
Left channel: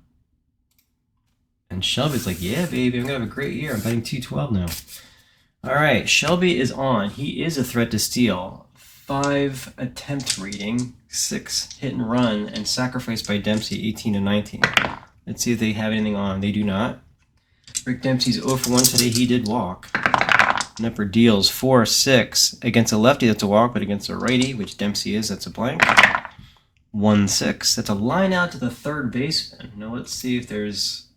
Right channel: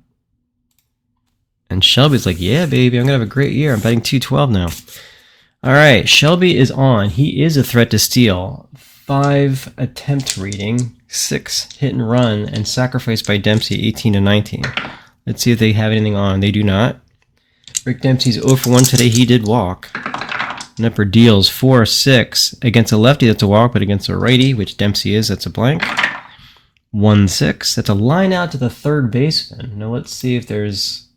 And Shelby's like, yeah, baby, I'm going to have a great year. I'm batting .212 now. All right, Shelby is on. He is a threat to steal. 5 attempt rating, 6 hit and run, and sacrificed by Dempsey, 18-19. Let's see if they have anything on. They do not. Rick Dempsey's 0 for 1 today. He did walk. Knepper deals 4-6 against a lefty. That's a walk, but against a righty, which Dempsey is, that's a blank. 1-6. That's a line out to the third baseman. Now let's see if there's...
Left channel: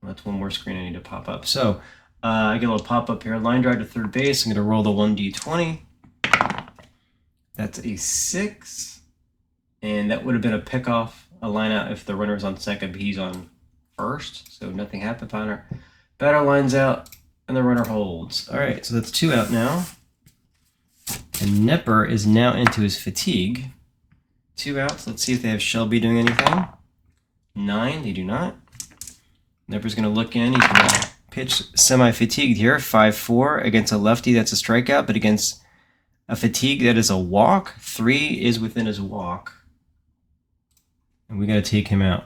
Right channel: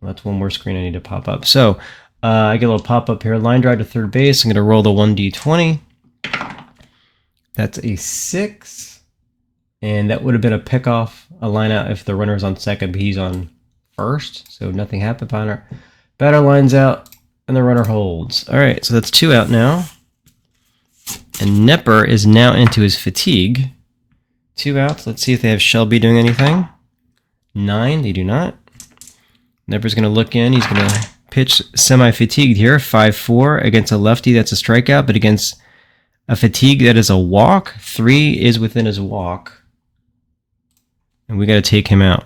Well, that's one more screen I need to pop up. So I get a little pop up here. Line drive to third base. I'm going to roll the 1d20. That's a 6. And that would have been a pickoff, a line out if the runner's on second, but he's on first. So nothing happened. Batter lines out. And the runner holds. All right, so that's 2 out now. And Knepper is now into his fatigue. 2 outs. Let's see if they have Shelby doing anything. 9, they do not. Knepper's going to look in. He's going to pitch semi-fatigued here. 5-4 against a lefty. That's a strikeout, but against a fatigue, that is a walk. 3 is within his walk. And we got to take him out.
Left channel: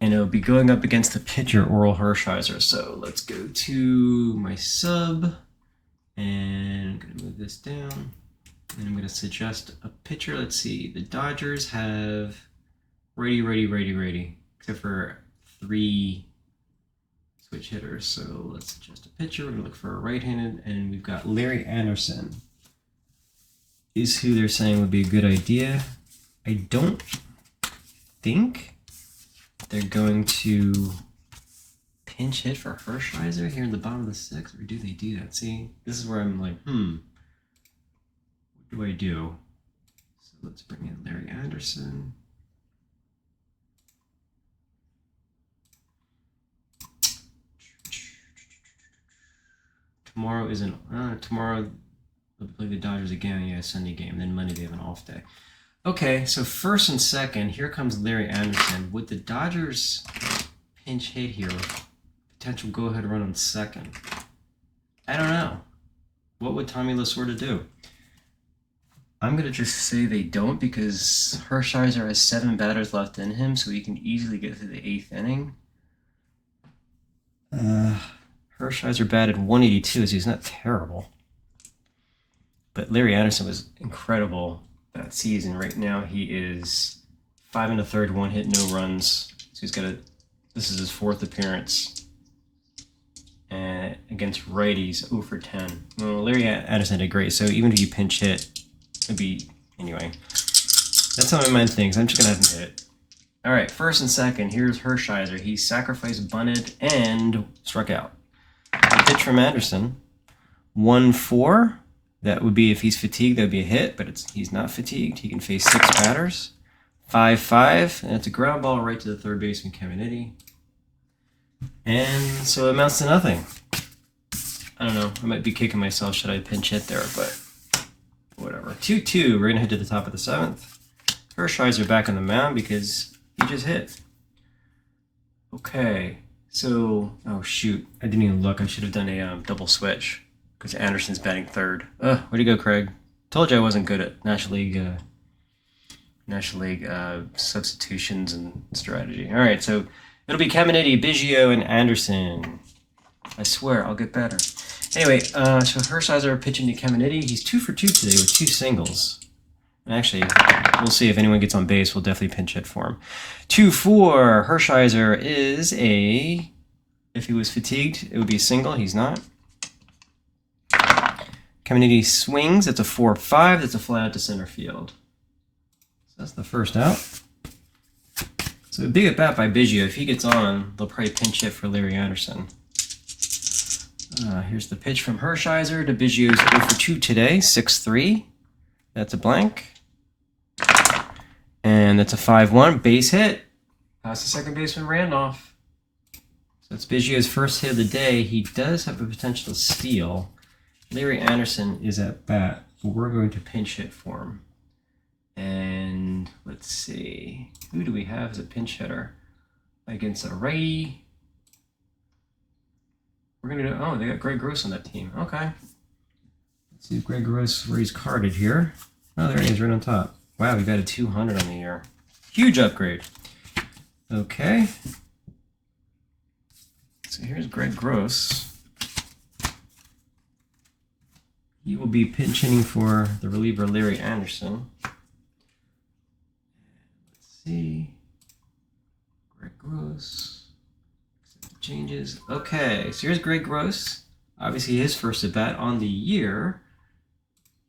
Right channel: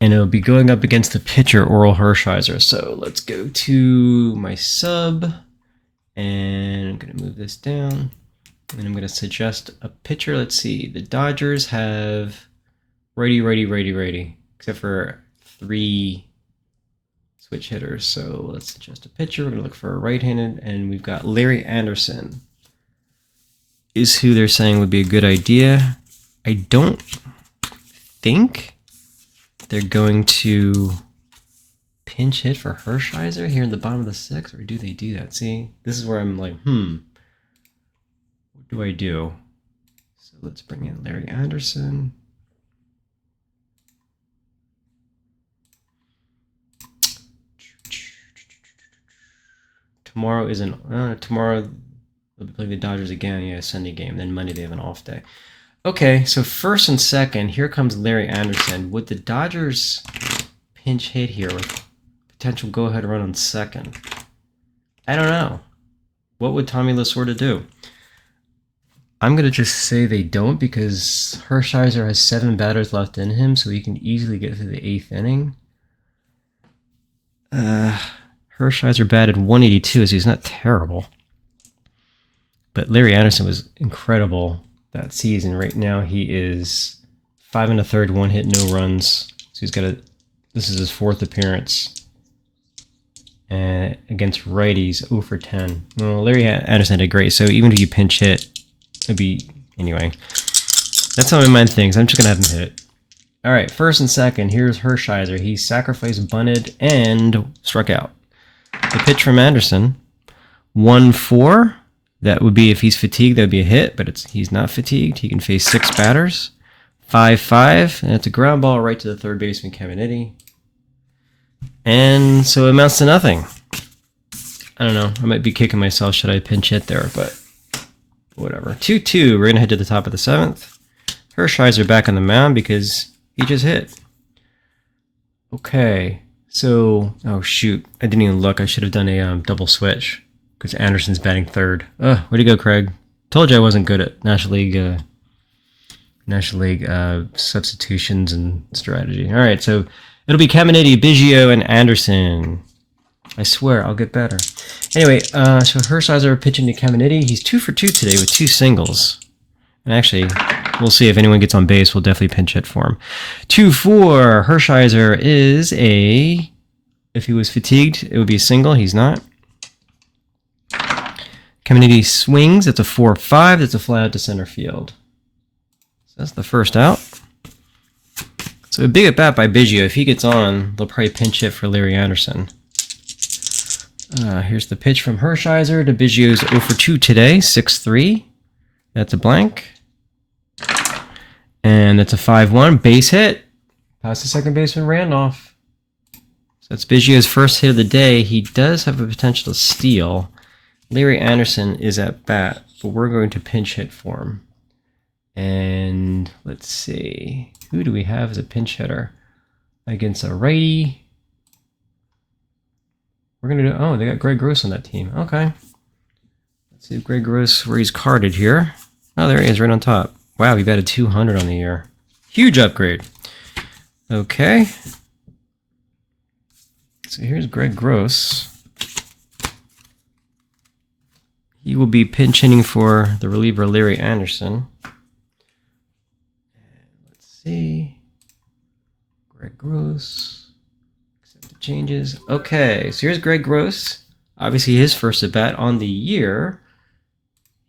And it'll be going up against the pitcher, Orel Hershiser. So let's go to my sub. And I'm going to move this down. And I'm going to suggest a pitcher. Let's see. The Dodgers have righty. Except for 3 switch hitters. So let's suggest a pitcher. We're going to look for a right-handed. And we've got Larry Anderson is who they're saying would be a good idea. I don't think they're going to pinch hit for Hershiser here in the bottom of the sixth, or do they do that? See, this is where I'm like, what do I do? So let's bring in Larry Anderson. Tomorrow isn't, tomorrow they'll play the Dodgers again, yeah, Sunday game, then Monday they have an off day. Okay, so first and second, here comes Larry Anderson. Would the Dodgers pinch hit here with potential go-ahead run on second? I don't know. What would Tommy Lasorda do? I'm going to just say they don't because Hershiser has 7 batters left in him, so he can easily get through the 8th inning. Hershiser batted 182, so he's not terrible. But Larry Anderson was incredible that season. Right now he is 5 1/3, 1 hit, no runs. So he's got this is his 4th appearance. And against righties, 0 for 10. Well, Larry Anderson did great. So even if you pinch hit, it'd be, anyway. That's how my mind thinks. I'm just going to have him hit it. All right, first and second, here's Hershiser. He sacrificed, bunted, and struck out. The pitch from Anderson, 1-4. That would be, if he's fatigued, that would be a hit, but he's not fatigued. He can face 6 batters. 5-5, and it's a ground ball right to the third baseman, Caminiti. And so it amounts to nothing. I don't know. I might be kicking myself. Should I pinch hit there? But whatever. 2-2. We're going to head to the top of the 7th. Hershiser back on the mound because he just hit. Okay. So, oh shoot. I didn't even look. I should have done a double switch because Anderson's batting third. Way to go, Craig. Told you I wasn't good at National League substitutions and strategy. All right, so it'll be Caminiti, Biggio, and Anderson. I swear, I'll get better. Anyway, so Hershiser pitching to Caminiti. He's 2 for 2 today with 2 singles. And actually, we'll see if anyone gets on base. We'll definitely pinch hit for him. 2-4. Hershiser is a... If he was fatigued, it would be a single. He's not. Caminiti swings. It's a 4-5. That's a fly out to center field. So that's the first out. So a big at bat by Biggio. If he gets on, they'll probably pinch hit for Larry Anderson. Here's the pitch from Hershiser to Biggio's 0 for 2 today, 6-3. That's a blank. And that's a 5-1 base hit. Past the second baseman Randolph. So that's Biggio's first hit of the day. He does have a potential to steal. Larry Anderson is at bat, but we're going to pinch hit for him. And let's see. Who do we have as a pinch hitter? Against a righty. We're going to do... Oh, they got Greg Gross on that team. Okay. Let's see if Greg Gross, where he's carded here. Oh, there he is, right on top. Wow, he batted 200 on the year. Huge upgrade. Okay. So here's Greg Gross. He will be pinch hitting for the reliever Larry Anderson. Let's see. Greg Gross. Accept the changes. Okay, so here's Greg Gross. Obviously his first at bat on the year.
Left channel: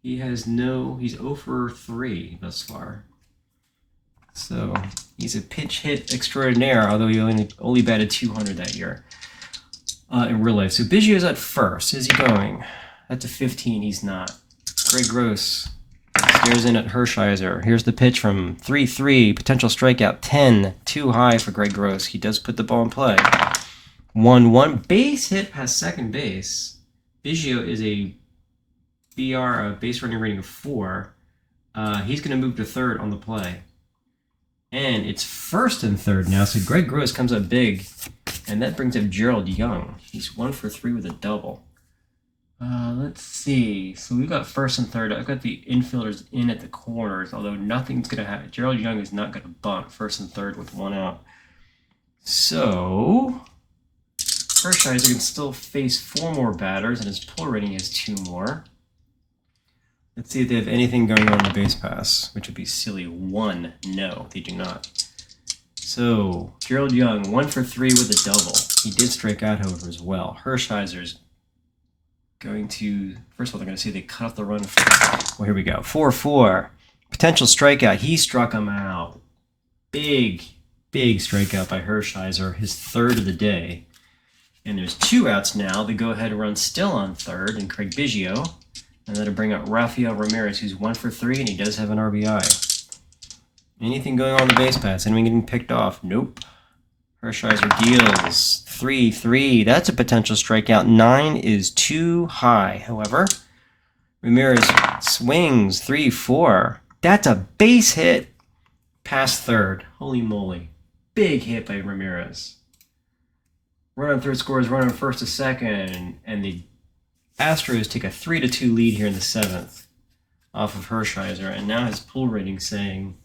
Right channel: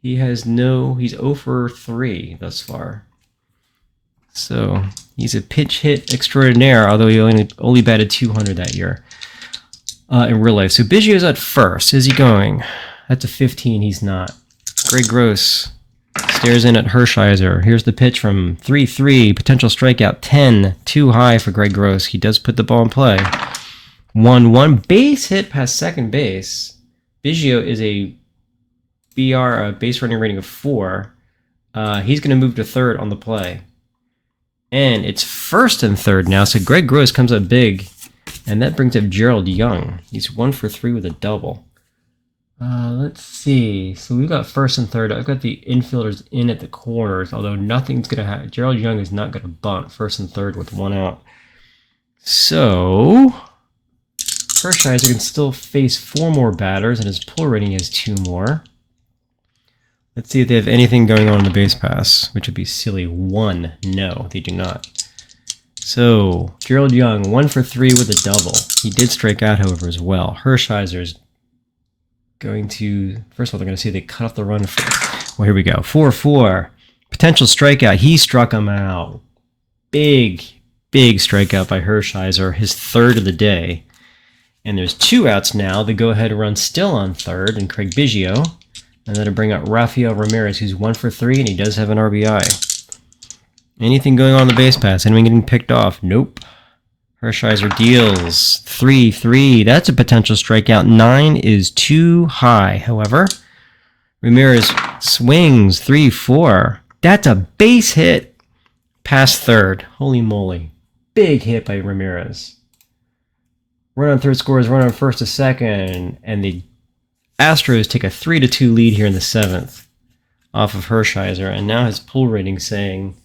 He's 0 for 3 thus far. So he's a pitch hit extraordinaire, although he only batted 200 that year in real life. So Biggio's at first. Is he going? That's a 15. He's not. Greg Gross stares in at Hershiser. Here's the pitch from 3-3. Potential strikeout 10. Too high for Greg Gross. He does put the ball in play. 1-1. Base hit past second base. Biggio is a base running rating of 4. He's going to move to third on the play. And it's first and third now, so Greg Gross comes up big, and that brings up Gerald Young. He's 1 for 3 with a double. Let's see. So we've got first and third. I've got the infielders in at the corners, although nothing's going to happen. Gerald Young is not going to bunt first and third with 1 out. So Hershiser can still face 4 more batters, and his pull rating is 2 more. Let's see if they have anything going on in the base pass, which would be silly. 1. No, they do not. So, Gerald Young, 1 for 3 with a double. He did strike out, however, as well. Hershiser's going to... First of all, they're going to see they cut off the run. Well, here we go. 4-4. Potential strikeout. He struck him out. Big strikeout by Hershiser. His third of the day. And there's 2 outs now. The go-ahead run still on third, and Craig Biggio. And that'll bring up Rafael Ramirez, who's 1 for 3, and he does have an RBI. Anything going on the base pass? Anyone getting picked off? Nope. Hershiser deals 3-3. That's a potential strikeout. 9 is too high. However, Ramirez swings 3-4. That's a base hit past third. Holy moly. Big hit by Ramirez. Run on third scores, run on first to second, and the Astros take a 3-2 lead here in the 7th off of Hershiser, and now his pull rating saying,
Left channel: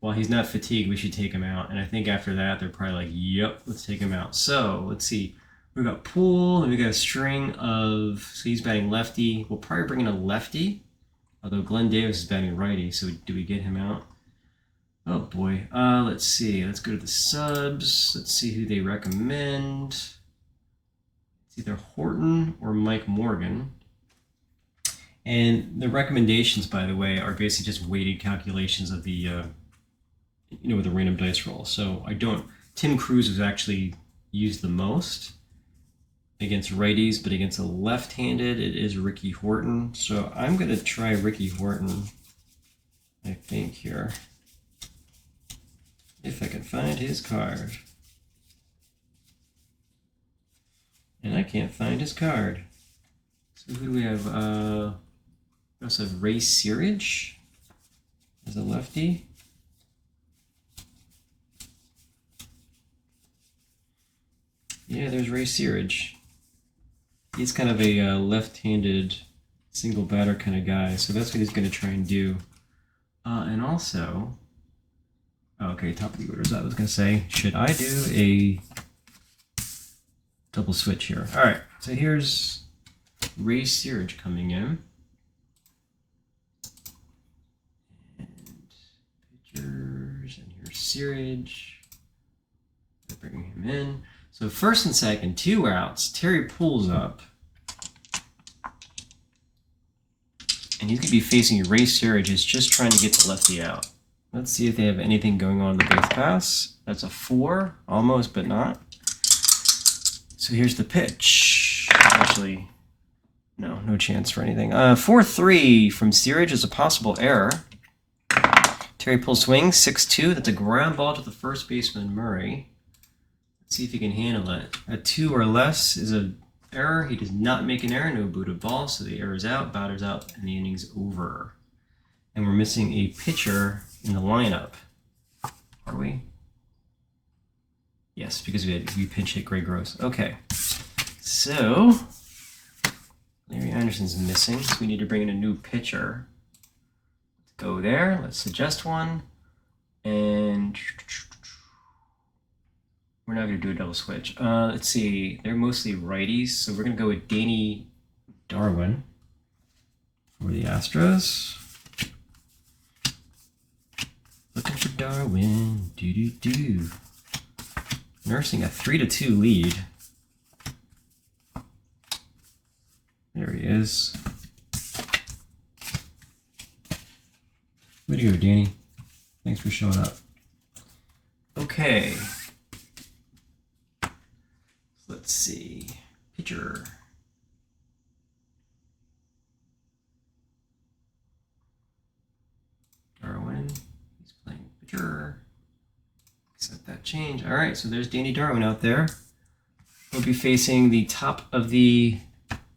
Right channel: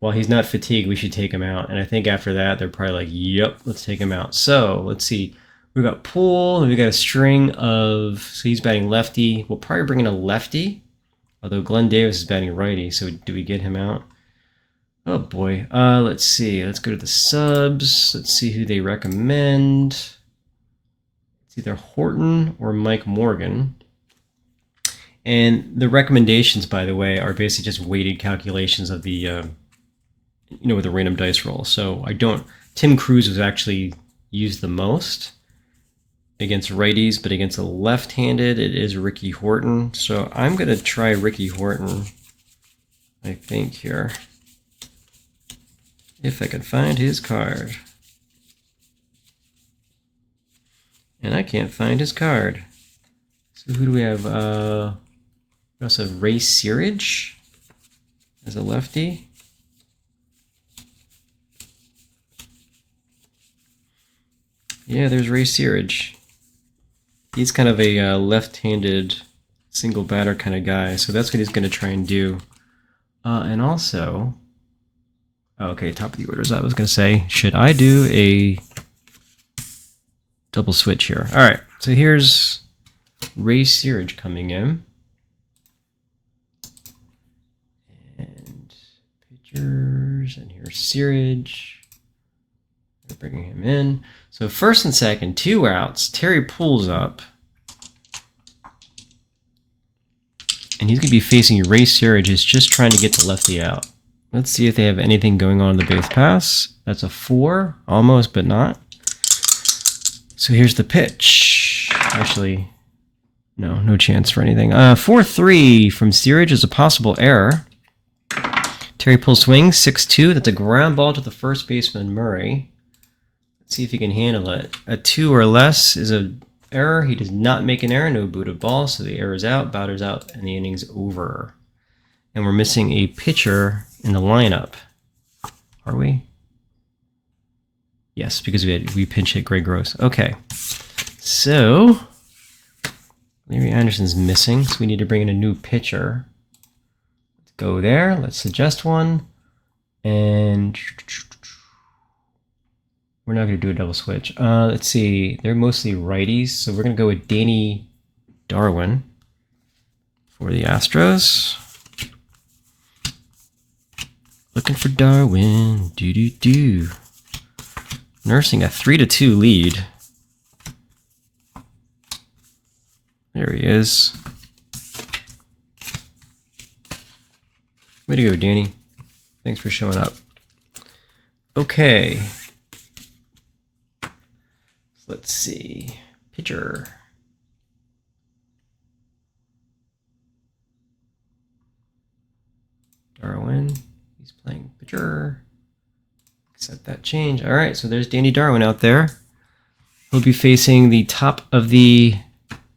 well, he's not fatigued, we should take him out. And I think after that, they're probably like, yep, let's take him out. So, let's see. We've got Poole, and we've got a string of... So he's batting lefty. We'll probably bring in a lefty, although Glenn Davis is batting righty, so do we get him out? Oh, boy. Let's see. Let's go to the subs. Let's see who they recommend. Either Horton or Mike Morgan. And the recommendations, by the way, are basically just weighted calculations of the, with the random dice roll. So Tim Cruz was actually used the most against righties, but against a left-handed, it is Ricky Horton. So I'm going to try Ricky Horton, I think, here. If I can find his card. And I can't find his card. So who do we have? We also have Ray Searage as a lefty. Yeah, there's Ray Searage. He's kind of a left-handed single batter kind of guy, so that's what he's going to try and do. And also, okay, top of the orders. I was going to say, should I do a double switch here? All right, so here's Ray Searage coming in. And pitchers, and here's Searage. They're bringing him in. So first and second, 2 outs. Terry pulls up. And he's going to be facing Ray Searage, who's just trying to get the lefty out. Let's see if they have anything going on in the base pass. That's a 4, almost, but not. So here's the pitch. Actually, no chance for anything. 4-3 from Searage is a possible error. Terry pulls swing, 6-2. That's a ground ball to the first baseman, Murray. Let's see if he can handle it. A 2 or less is an error. He does not make an error. No booted ball, so the error is out, batter's out, and the inning's over. And we're missing a pitcher in the lineup. Are we? Yes, because we pinch hit Greg Gross. Okay. So Larry Anderson's missing, so we need to bring in a new pitcher. Let's go there. Let's suggest one. And we're not going to do a double switch. Let's see. They're mostly righties, so we're going to go with Danny Darwin for the Astros. Looking for Darwin. Do. Nursing a 3-2 lead. There he is. Way to go, Danny. Thanks for showing up. Okay. Let's see. Pitcher. Darwin. He's playing pitcher. Accept that change. All right, so there's Danny Darwin out there. He'll be facing the top of the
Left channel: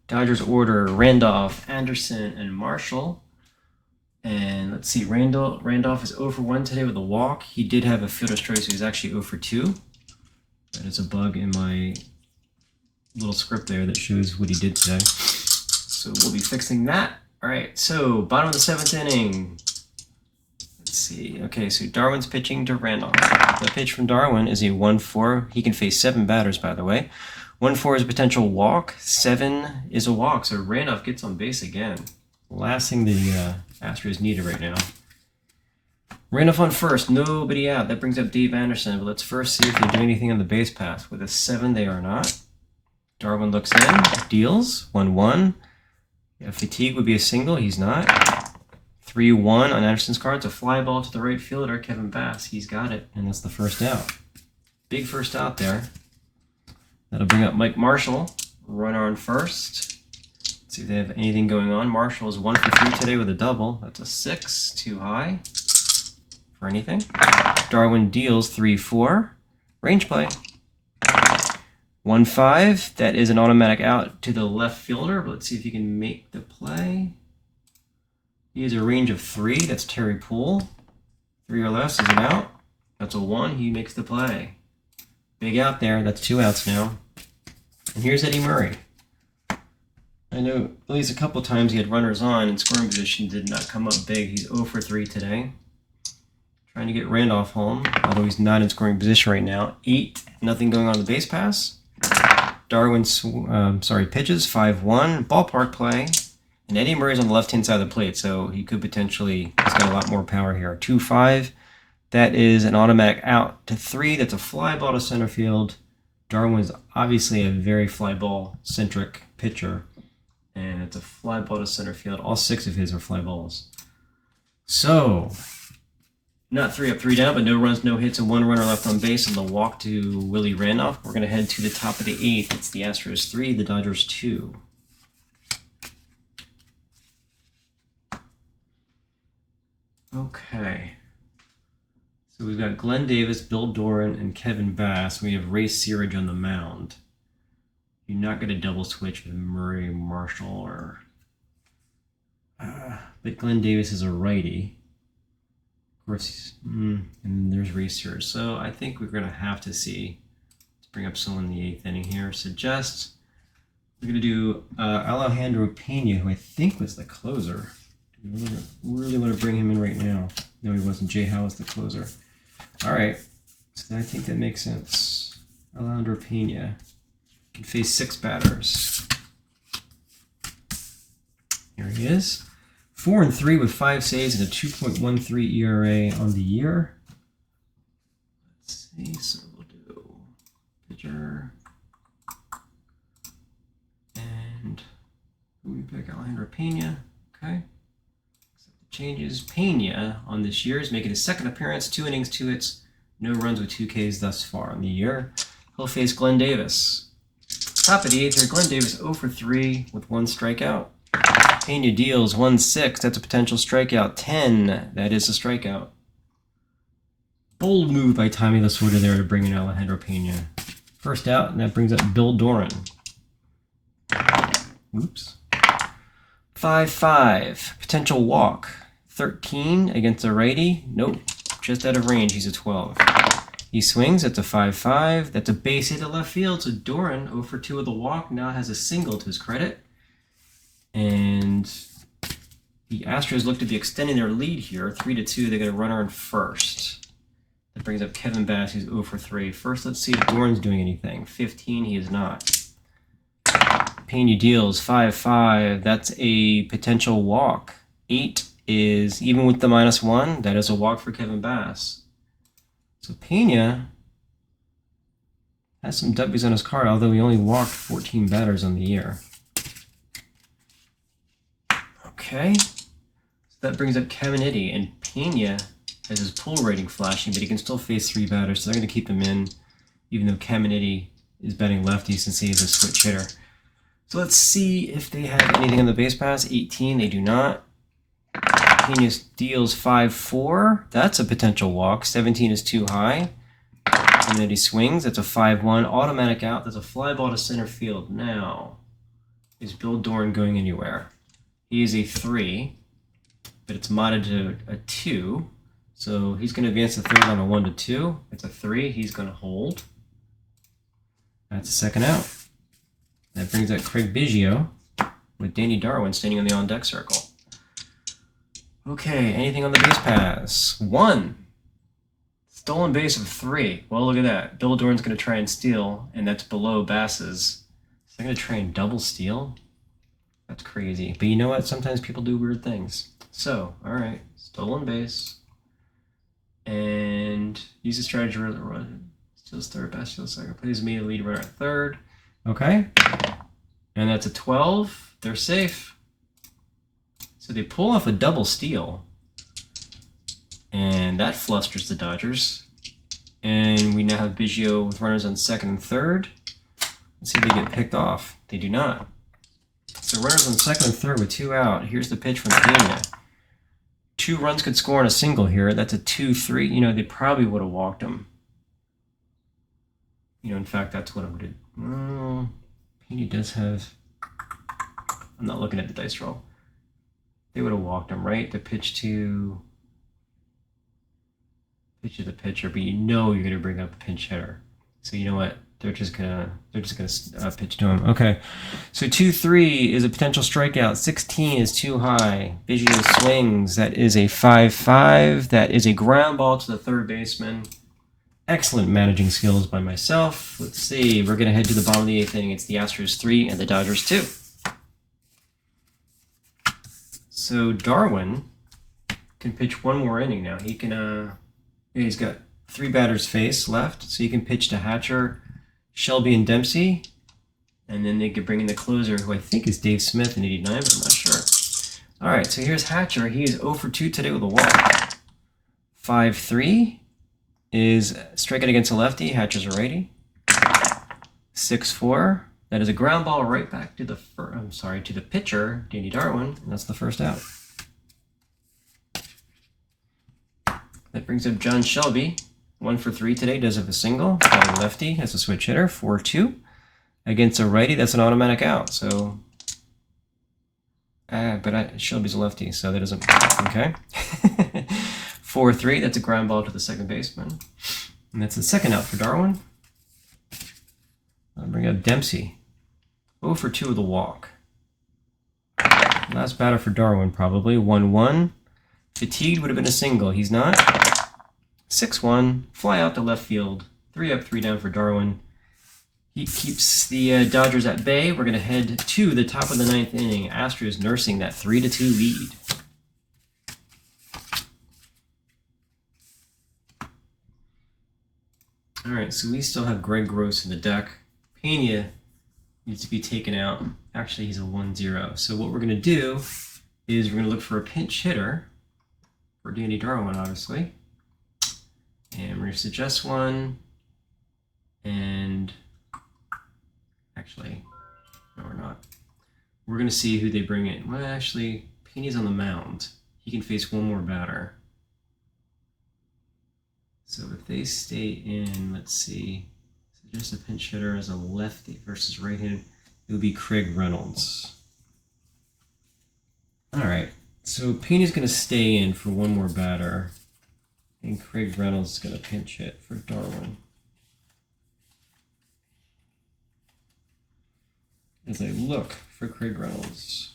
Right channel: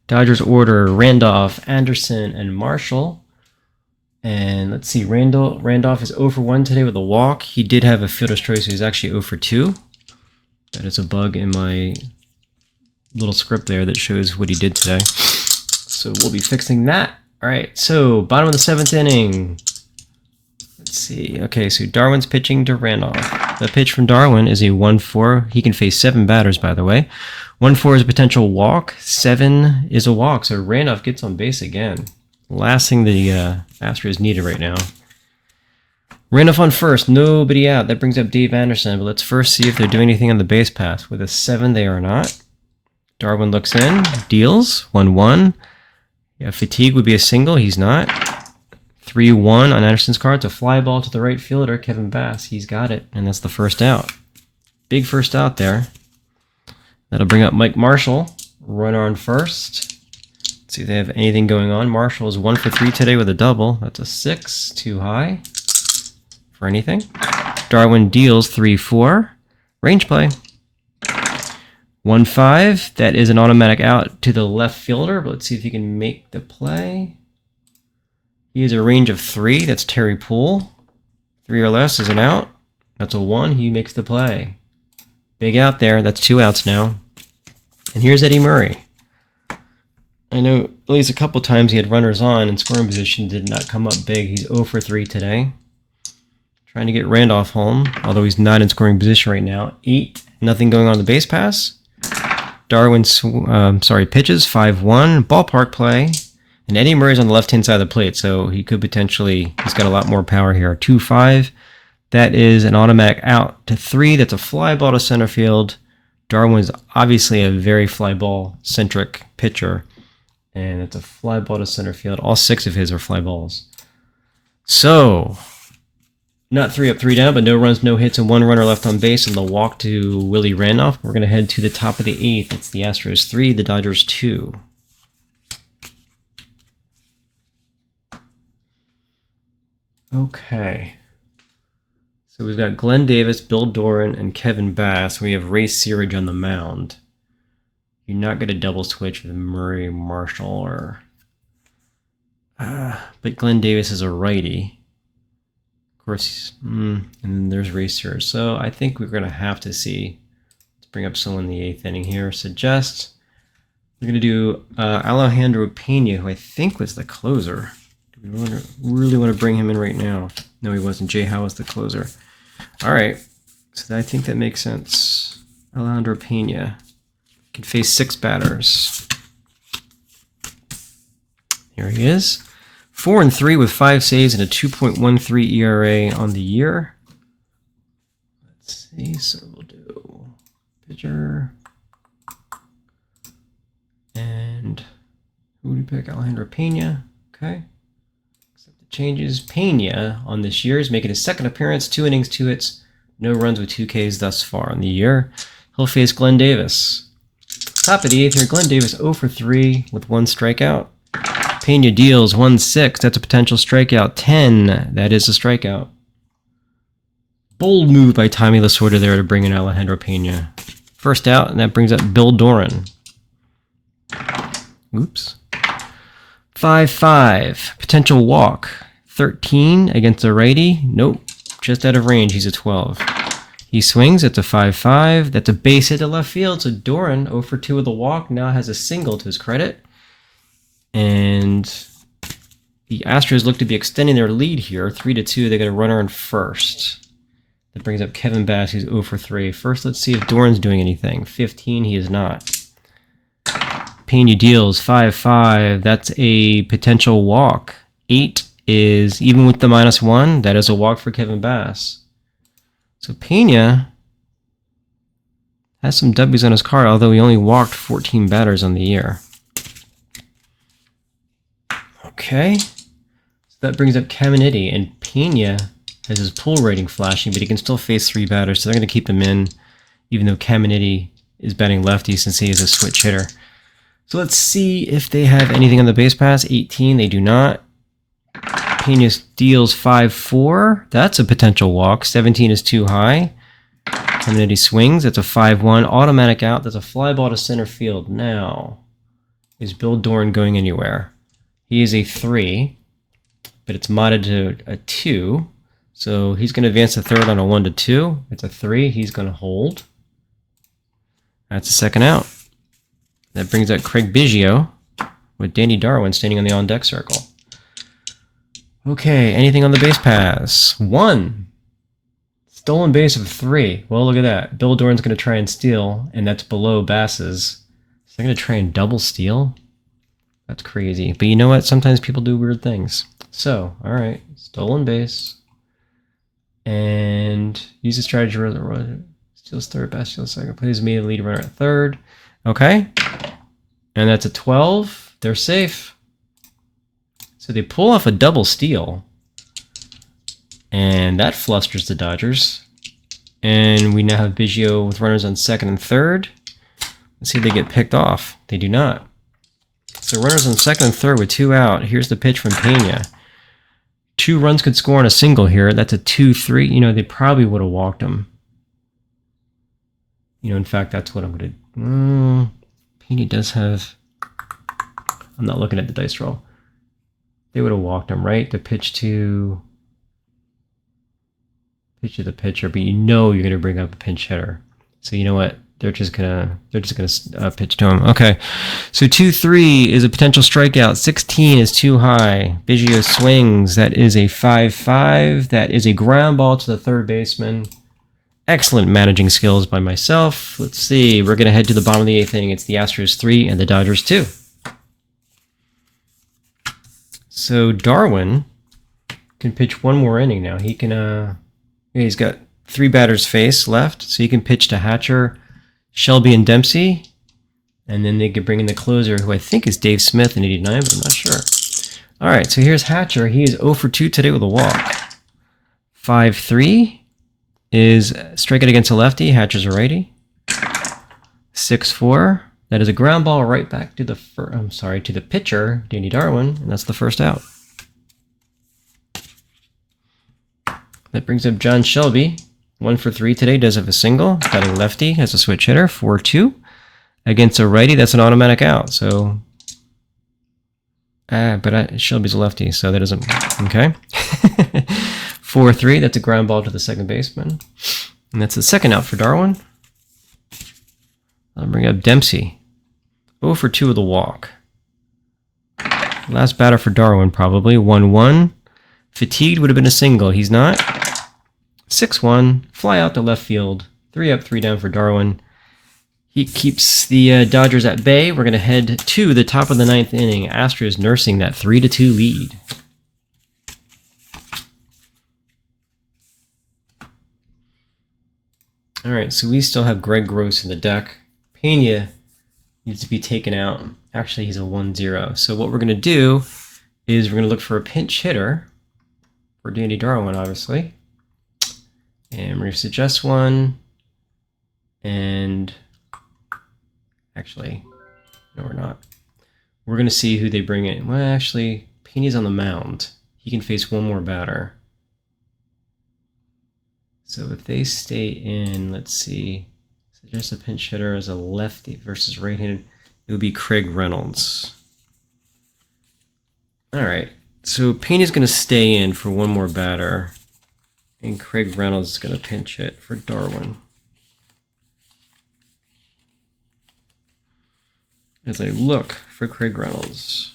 Dodgers order, Randolph, Anderson, and Marshall. And let's see, Randolph is 0 for 1 today with a walk. He did have a fielder's choice, so he's actually 0 for 2. That is a bug in my little script there that shows what he did today. So we'll be fixing that. All right, so bottom of the 7th inning. Let's see. Okay, so Darwin's pitching to Randolph. The pitch from Darwin is a 1-4. He can face 7 batters, by the way. 1-4 is a potential walk. 7 is a walk, so Randolph gets on base again. Last thing the Astros needed right now. Randolph on first, nobody out. That brings up Dave Anderson, but let's first see if they're doing anything on the base pass. With a 7, they are not. Darwin looks in, deals, 1-1. Yeah, fatigue would be a single, he's not. 3-1 on Anderson's card. It's a fly ball to the right fielder, Kevin Bass. He's got it, and that's the first out. Big first out there. That'll bring up Mike Marshall, runner on first. Let's see if they have anything going on. Marshall is 1 for 3 today with a double. That's a 6, too high for anything. Darwin deals 3-4. Range play. 1-5. That is an automatic out to the left fielder, but let's see if he can make the play. He has a range of 3. That's Terry Poole. 3 or less is an out. That's a 1. He makes the play. Big out there. That's 2 outs now. And here's Eddie Murray. I know at least a couple times he had runners on and scoring position did not come up big. He's 0 for 3 today. Trying to get Randolph home, although he's not in scoring position right now. 8, nothing going on the base pass. Darwin pitches 5-1, ballpark play. And Eddie Murray's on the left-hand side of the plate, so he could potentially, he's got a lot more power here. 2-5, that is an automatic out to 3. That's a fly ball to center field. Darwin's obviously a very fly ball-centric pitcher. And it's a fly ball to center field. All 6 of his are fly balls. So, not 3 up, 3 down, but no runs, no hits, and 1 runner left on base, and the walk to Willie Randolph. We're going to head to the top of the 8th. It's the Astros 3, the Dodgers 2. Okay. So we've got Glenn Davis, Bill Doran, and Kevin Bass. We have Ray Searage on the mound. You're not going to double switch with Murray Marshall or... but Glenn Davis is a righty. Of course, and then there's Ray Searage. So I think we're going to have to see. Let's bring up someone in the 8th inning here. Suggest we're going to do Alejandro Pena, who I think was the closer. Do we really want to bring him in right now? No, he wasn't. Jay Howe was the closer. All right, so I think that makes sense. Alejandro Pena can face 6 batters. Here he is. 4-3 with 5 saves and a 2.13 ERA on the year. Let's see, so we'll do pitcher. And who would we pick? Alejandro Pena. Okay. Changes. Pena on this year is making his 2nd appearance, 2 innings, 2 hits, no runs with 2 Ks thus far on the year. He'll face Glenn Davis. Top of the 8th here, Glenn Davis 0 for 3 with 1 strikeout. Pena deals 1-6, that's a potential strikeout. 10, that is a strikeout. Bold move by Tommy Lasorda there to bring in Alejandro Pena. First out, and that brings up Bill Doran. Oops. 5-5, potential walk. 13 against a righty. Nope, just out of range. He's a 12. He swings. It's a 5-5. That's a base hit to left field. So Doran, 0 for 2 with a walk, now has a single to his credit. And the Astros look to be extending their lead here. 3-2. They got a runner on first. That brings up Kevin Bass, who's 0 for 3. First, let's see if Doran's doing anything. 15, he is not. Pena deals 5-5. That's a potential walk. 8 is, even with the -1, that is a walk for Kevin Bass. So Pena has some W's on his card, although he only walked 14 batters on the year. Okay. So that brings up Caminiti, and Pena has his pull rating flashing, but he can still face 3 batters, so they're going to keep him in, even though Caminiti is batting lefty since he is a switch hitter. So let's see if they have anything on the base pass. 18, they do not. Pena deals 5-4. That's a potential walk. 17 is too high. Caminiti swings. That's a 5-1. Automatic out. That's a fly ball to center field. Now, is Bill Doran going anywhere? He is a 3, but it's modded to a 2. So he's going to advance to third on a 1-2. It's a 3. He's going to hold. That's a 2nd out. That brings up Craig Biggio with Danny Darwin standing on the on-deck circle. Okay, anything on the base pass? 1. Stolen base of 3. Well, look at that. Bill Doran's going to try and steal, and that's below Bass's. So they're going to try and double steal? That's crazy. But you know what? Sometimes people do weird things. So, all right, stolen base. And use a strategy runner. Steals third, Bass steals second. Plays me the lead runner at third. Okay, and that's a 12. They're safe. So they pull off a double steal, and that flusters the Dodgers. And we now have Biggio with runners on 2nd and 3rd. Let's see if they get picked off. They do not. So runners on 2nd and 3rd with 2 out. Here's the pitch from Pena. 2 runs could score on a single here. That's a 2-3. You know, they probably would have walked him. You know, in fact, that's what I'm going to do. Pena does have... I'm not looking at the dice roll. They would have walked him, right? The pitch to the pitcher, but you know you're going to bring up a pinch hitter. So you know what? They're just gonna pitch to him. Okay, so 2-3 is a potential strikeout. 16 is too high. Biggio swings. That is a 5-5. That is a ground ball to the 3rd baseman. Excellent managing skills by myself. Let's see. We're going to head to the bottom of the 8th inning. It's the Astros 3 and the Dodgers 2. So Darwin can pitch 1 more inning now. He can. He's got 3 batters face left, so he can pitch to Hatcher, Shelby, and Dempsey, and then they could bring in the closer, who I think is Dave Smith in '89, but I'm not sure. All right. So here's Hatcher. He is 0 for 2 today with a walk. 5-3. Is striking against a lefty. Hatcher's a righty. 6-4. That is a ground ball right back to the to the pitcher, Danny Darwin, and that's the first out. That brings up John Shelby. 1 for 3 today, does have a single. Got a lefty, has a switch hitter, 4-2. Against a righty, that's an automatic out. So, Shelby's a lefty, so that doesn't, okay. 4-3, that's a ground ball to the second baseman. And that's the second out for Darwin. I'll bring up Dempsey. 0 for 2 with a walk. Last batter for Darwin, probably. 1-1. Fatigued would have been a single. He's not. 6-1. Fly out to left field. 3 up, 3 down for Darwin. He keeps the Dodgers at bay. We're going to head to the top of the 9th inning. Astros nursing that 3-2 lead. All right, so we still have Greg Gross in the deck. Pena needs to be taken out. Actually, he's a 1-0. So what we're going to do is we're going to look for a pinch hitter for Danny Darwin, obviously. And we're going to suggest one. And actually, no, we're not. We're going to see who they bring in. Well, actually, Pena's on the mound. He can face one more batter. So if they stay in, let's see, suggest a pinch hitter as a lefty versus right-handed, it would be Craig Reynolds. All right, so Pena's going to stay in for one more batter, and Craig Reynolds is going to pinch hit for Darwin. As I look for Craig Reynolds.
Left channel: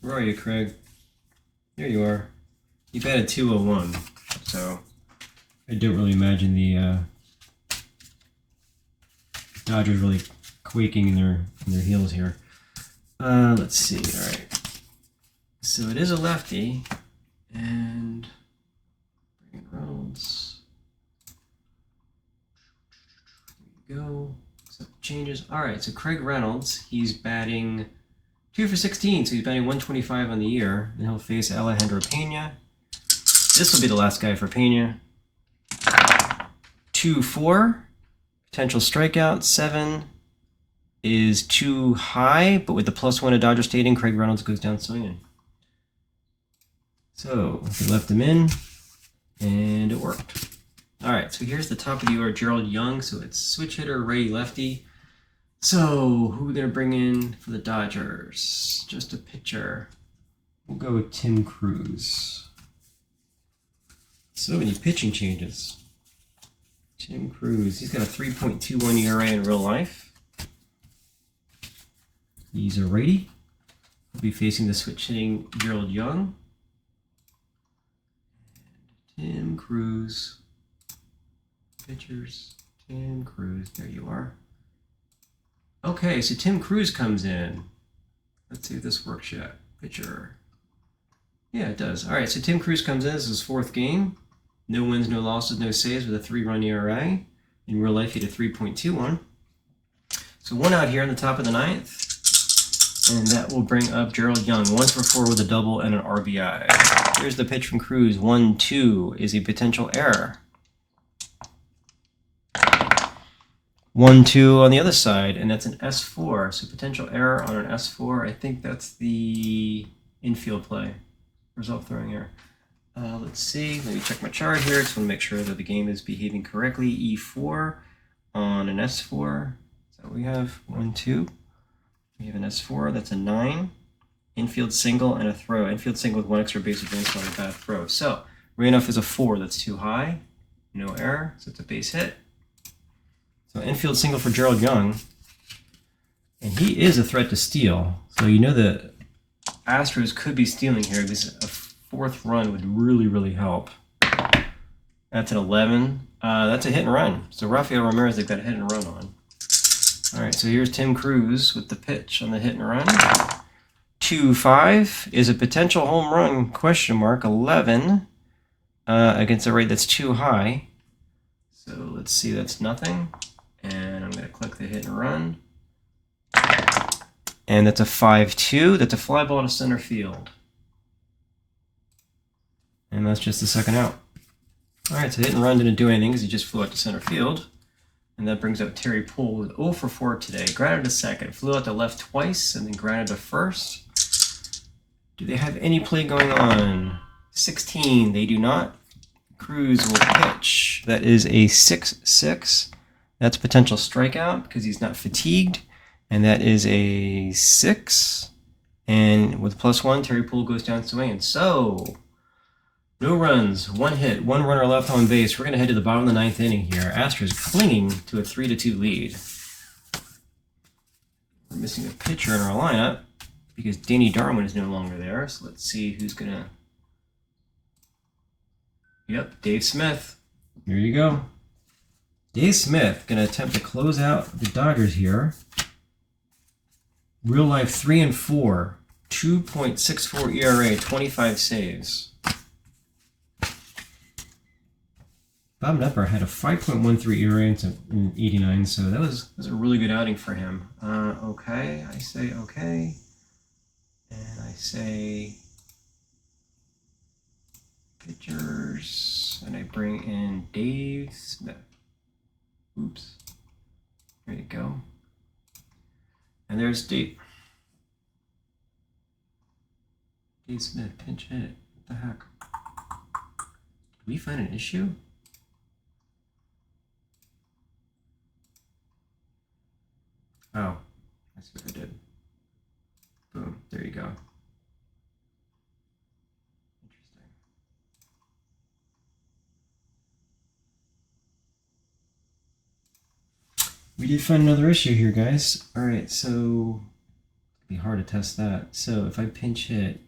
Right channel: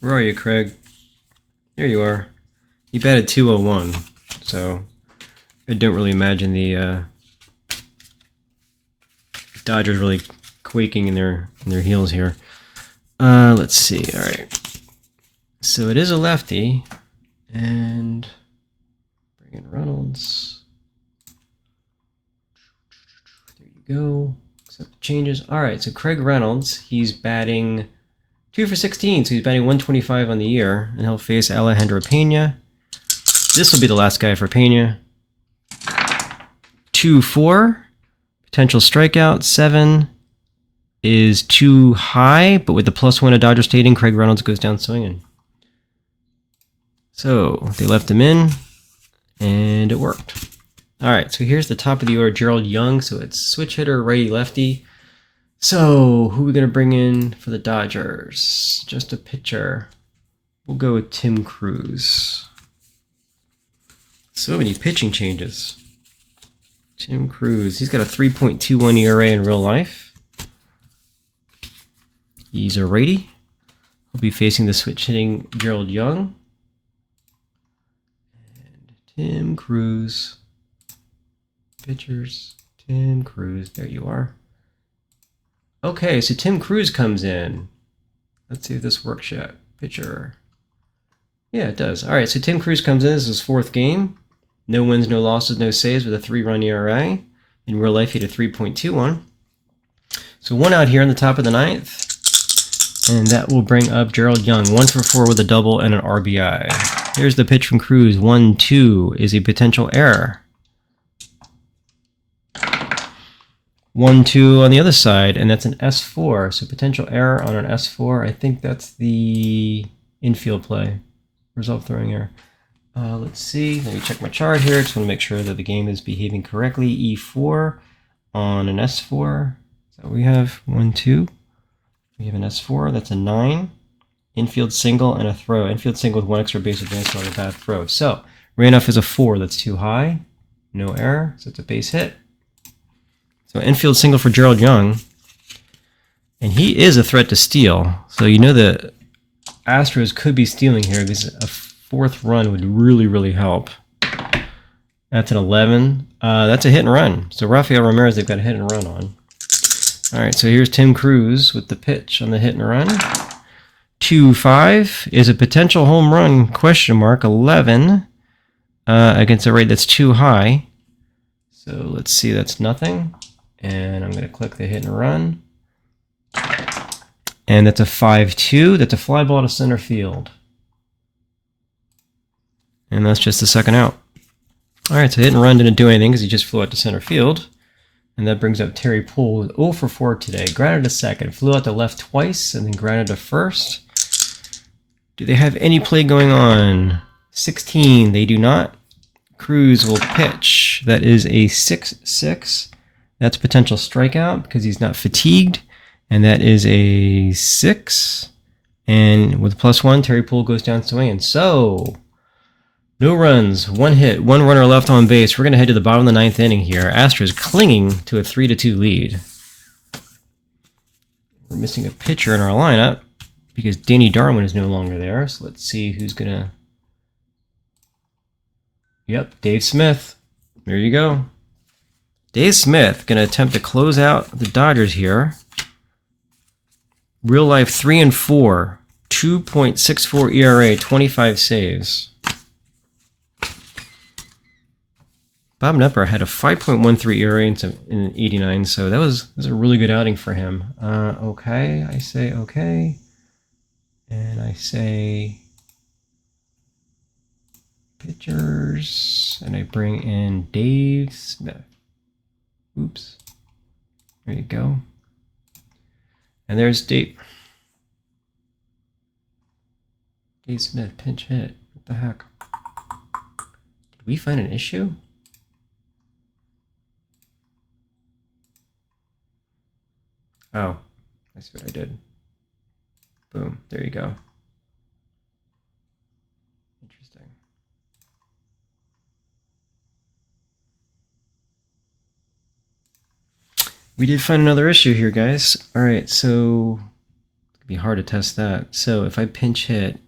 Where are you, Craig? Here you are. You batted 201, so I don't really imagine the Dodgers really quaking in their heels here. Let's see. All right. So it is a lefty, and bring in Reynolds. There you go. Accept the changes. All right. So Craig Reynolds, he's batting 2 for 16, so he's batting 125 on the year, and he'll face Alejandro Pena. This will be the last guy for Pena. 2-4, potential strikeout. 7 is too high, but with the +1 at Dodger Stadium, Craig Reynolds goes down swinging. So they left him in, and it worked. All right, so here's the top of the order, Gerald Young. So it's switch hitter, righty, lefty. So, who are we going to bring in for the Dodgers? Just a pitcher. We'll go with Tim Cruz. So many pitching changes. Tim Cruz. He's got a 3.21 ERA in real life. He's a righty. He'll be facing the switch-hitting Gerald Young. And Tim Cruz. Pitchers. Tim Cruz. There you are. Okay, so Tim Cruz comes in. Let's see if this works yet. Pitcher. Yeah, it does. All right, so Tim Cruz comes in. This is his 4th game. No wins, no losses, no saves with a 3-run ERA. In real life, he had a 3.21. So 1 out here on the top of the 9th. And that will bring up Gerald Young. 1 for 4 with a double and an RBI. Here's the pitch from Cruz. 1-2 is a potential error. 1-2 on the other side, and that's an S4. So potential error on an S4. I think that's the infield play. Result throwing error. Let's see. Let me check my chart here. Just want to make sure that the game is behaving correctly. E4 on an S4. So we have 1-2. We have an S4. That's a 9. Infield single and a throw. Infield single with 1 extra base advance on a bad throw. So Randolph is a 4. That's too high. No error. So it's a base hit. So infield single for Gerald Young, and he is a threat to steal. So you know the Astros could be stealing here because a 4th run would really, really help. That's an 11. That's a hit and run. So Rafael Ramirez, they've got a hit and run on. All right, so here's Tim Cruz with the pitch on the hit and run. 2-5 is a potential home run, question mark, 11 against a rate that's too high. So let's see, that's nothing. And I'm going to click the hit and run. And that's a 5-2. That's a fly ball to center field. And that's just the second out. All right, so hit and run didn't do anything because he just flew out to center field. And that brings up Terry Poole with 0 for 4 today. Grounded to second, flew out to left twice, and then grounded to first. Do they have any play going on? 16, they do not. Cruz will pitch. That is a 6-6. That's potential strikeout because he's not fatigued. And that is a 6. And with +1, Terry Poole goes down swinging. So, no runs, 1 hit, 1 runner left on base. We're going to head to the bottom of the 9th inning here. Astros clinging to a 3-2 lead. We're missing a pitcher in our lineup because Danny Darwin is no longer there. So let's see who's going to... Yep, Dave Smith. There you go. Dave Smith going to attempt to close out the Dodgers here. Real life 3-4, 2.64 ERA, 25 saves. Bob Knepper had a 5.13 ERA in 89, so that was a really good outing for him. Okay, I say okay. And I say pitchers, and I bring in Dave Smith. Oops. There you go. And there's Dave Smith, pinch hit. What the heck? Did we find an issue? Oh, I see what I did. Boom, there you go. Interesting. We did find another issue here, guys. All right, so it'd be hard to test that. So if I pinch hit,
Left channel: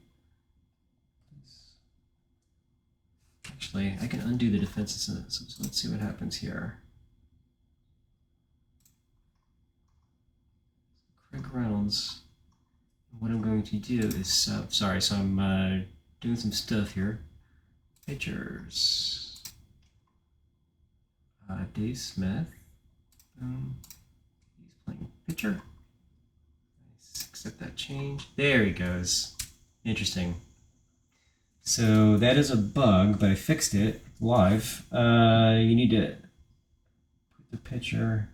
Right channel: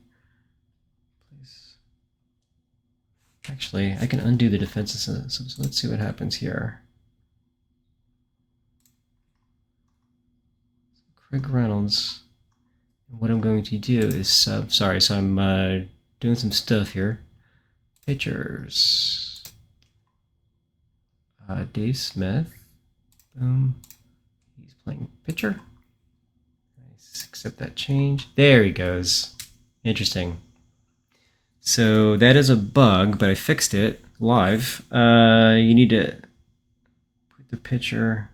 actually, I can undo the defensive system. So let's see what happens here. Craig Reynolds. What I'm going to do is sorry, so I'm doing some stuff here. Pitchers. Dave Smith. Boom. He's playing pitcher. Nice. Accept that change. There he goes. Interesting. So that is a bug, but I fixed it live. You need to put the pitcher.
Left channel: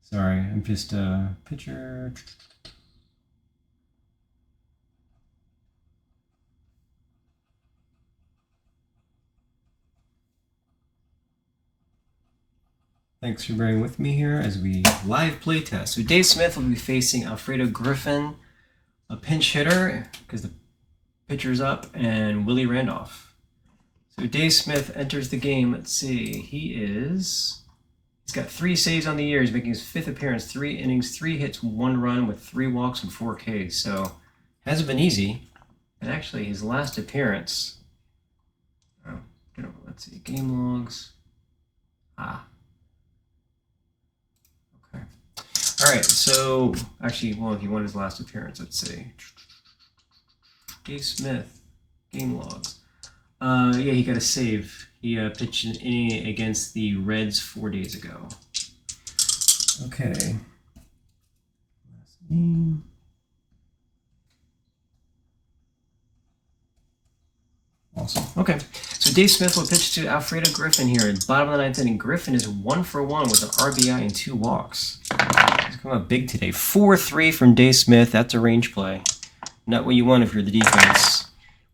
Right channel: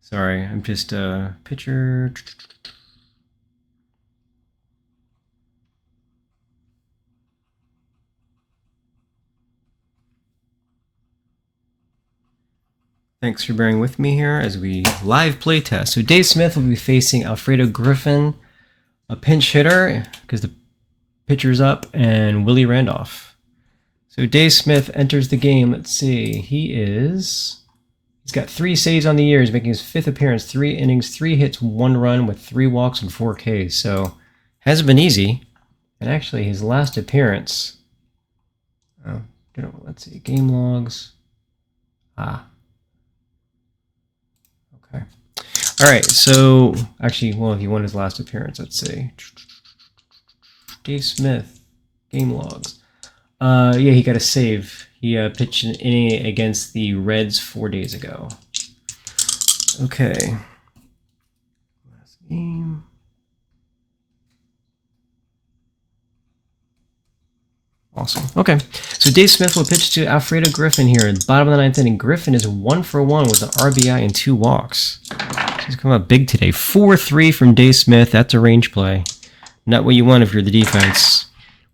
Sorry, I'm just pitcher. Thanks for bearing with me here as we live play test. So Dave Smith will be facing Alfredo Griffin, a pinch hitter, because the pitcher's up, and Willie Randolph. So Dave Smith enters the game. Let's see. He's got 3 saves on the year. He's making his 5th appearance, 3 innings, 3 hits, 1 run with 3 walks and 4 Ks. So hasn't been easy. And actually, his last appearance. Let's see. Game logs. Okay. All right. So actually, well, he won his last appearance. Let's see. Dave Smith. Game logs. Yeah, he got a save. He pitched an inning against the Reds 4 days ago. Okay. Last game. Awesome. Okay. So Dave Smith will pitch to Alfredo Griffin here at the bottom of the 9th inning. Griffin is 1 for 1 with an RBI and 2 walks. He's come out big today. 4-3 from Dave Smith. That's a range play. Not what you want if you're the defense.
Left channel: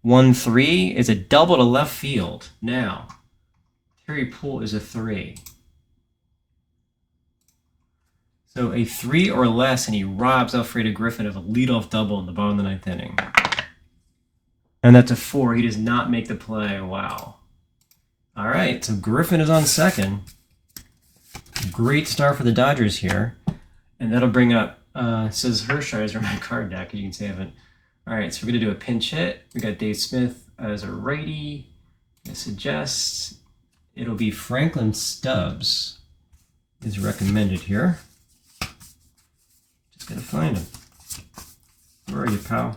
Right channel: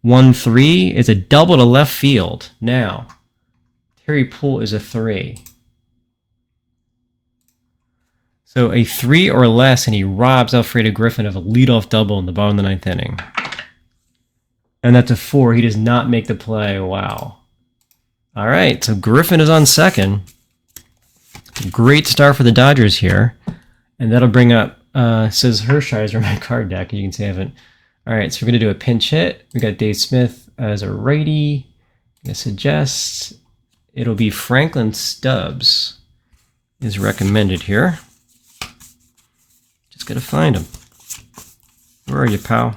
1-3 is a double to left field. Now, Terry Poole is a 3. So a 3 or less, and he robs Alfredo Griffin of a leadoff double in the bottom of the 9th inning. And that's a 4. He does not make the play. Wow. All right, so Griffin is on second. Great start for the Dodgers here. And that'll bring up, says Hershiser, my card deck. You can see I haven't. All right, so we're going to do a pinch hit. We got Dave Smith as a righty. I suggest it'll be Franklin Stubbs is recommended here. Just got to find him. Where are you, pal?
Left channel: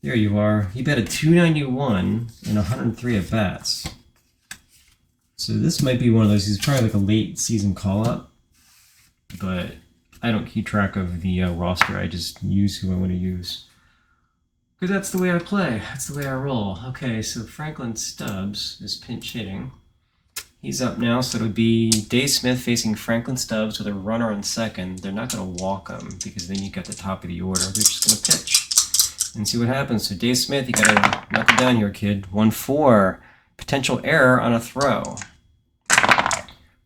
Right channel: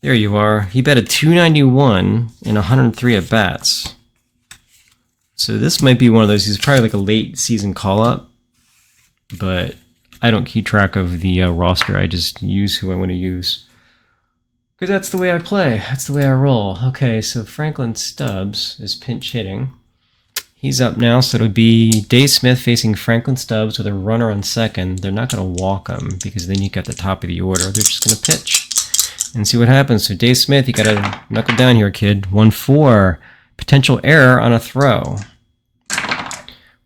There you are. He batted .291 in 103 at-bats. So this might be one of those. He's probably like a late season call-up, but I don't keep track of the roster. I just use who I want to use. Because that's the way I play. That's the way I roll. Okay, so Franklin Stubbs is pinch hitting. He's up now, so it'll be Dave Smith facing Franklin Stubbs with a runner on second. They're not going to walk him because then you got the top of the order. They're just going to pitch and see what happens. So Dave Smith, you got to knuckle down here, kid. 1-4. Potential error on a throw.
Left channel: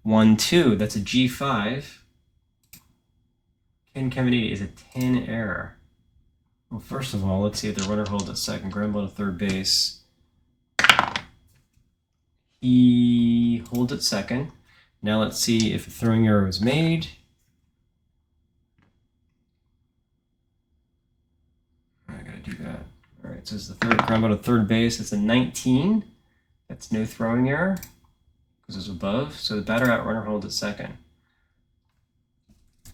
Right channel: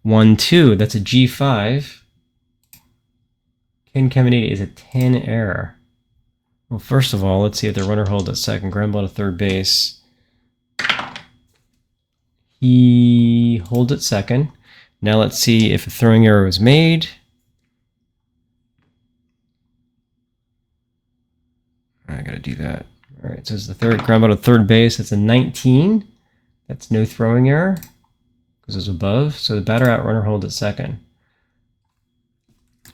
1-2. That's a G5. Ken Caminiti is a 10 error. Well, first of all, let's see if the runner holds at second. Ground ball to third base. He holds at second. Now let's see if a throwing error was made. I gotta do that. All right, so it's the third ground ball to third base. That's a 19. That's no throwing error because it's above. So the batter out, runner holds at second.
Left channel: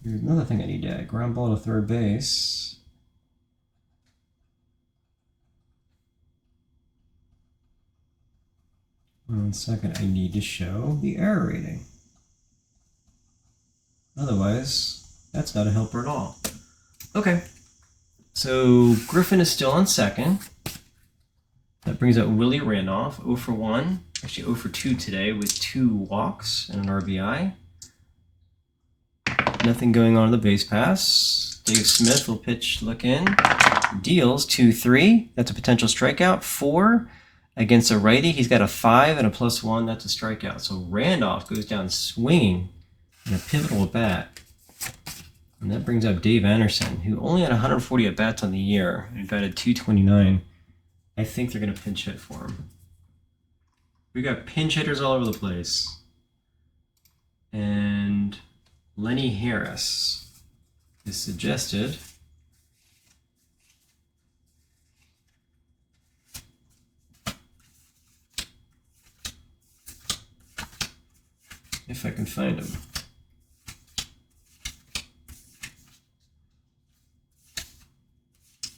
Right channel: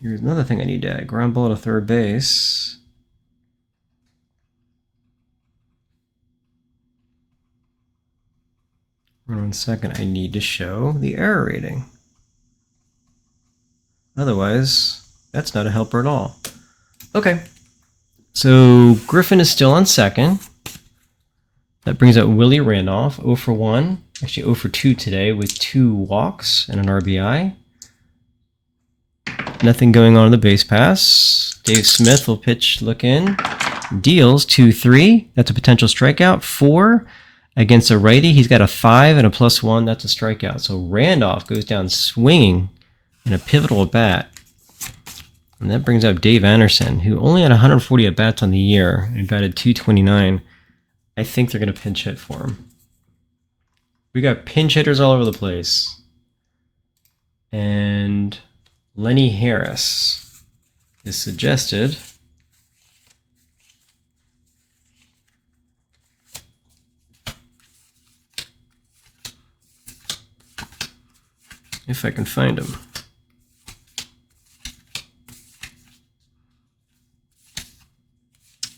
Here's another thing I need to add. Ground ball to third base. One second, I need to show the error rating. Otherwise, that's not a helper at all. Okay, so Griffin is still on second. That brings up Willie Randolph, 0 for 1. Actually 0 for 2 today with 2 walks and an RBI. Nothing going on in the base pass. Dave Smith will pitch, look in. Deals 2-3. That's a potential strikeout. 4. Against a righty, he's got a 5 and a +1. That's a strikeout. So Randolph goes down swinging in a pivotal at bat. And that brings up Dave Anderson, who only had 140 at bats on the year and batted .229. I think they're going to pinch hit for him. We got pinch hitters all over the place. And Lenny Harris is suggested. If I can find him.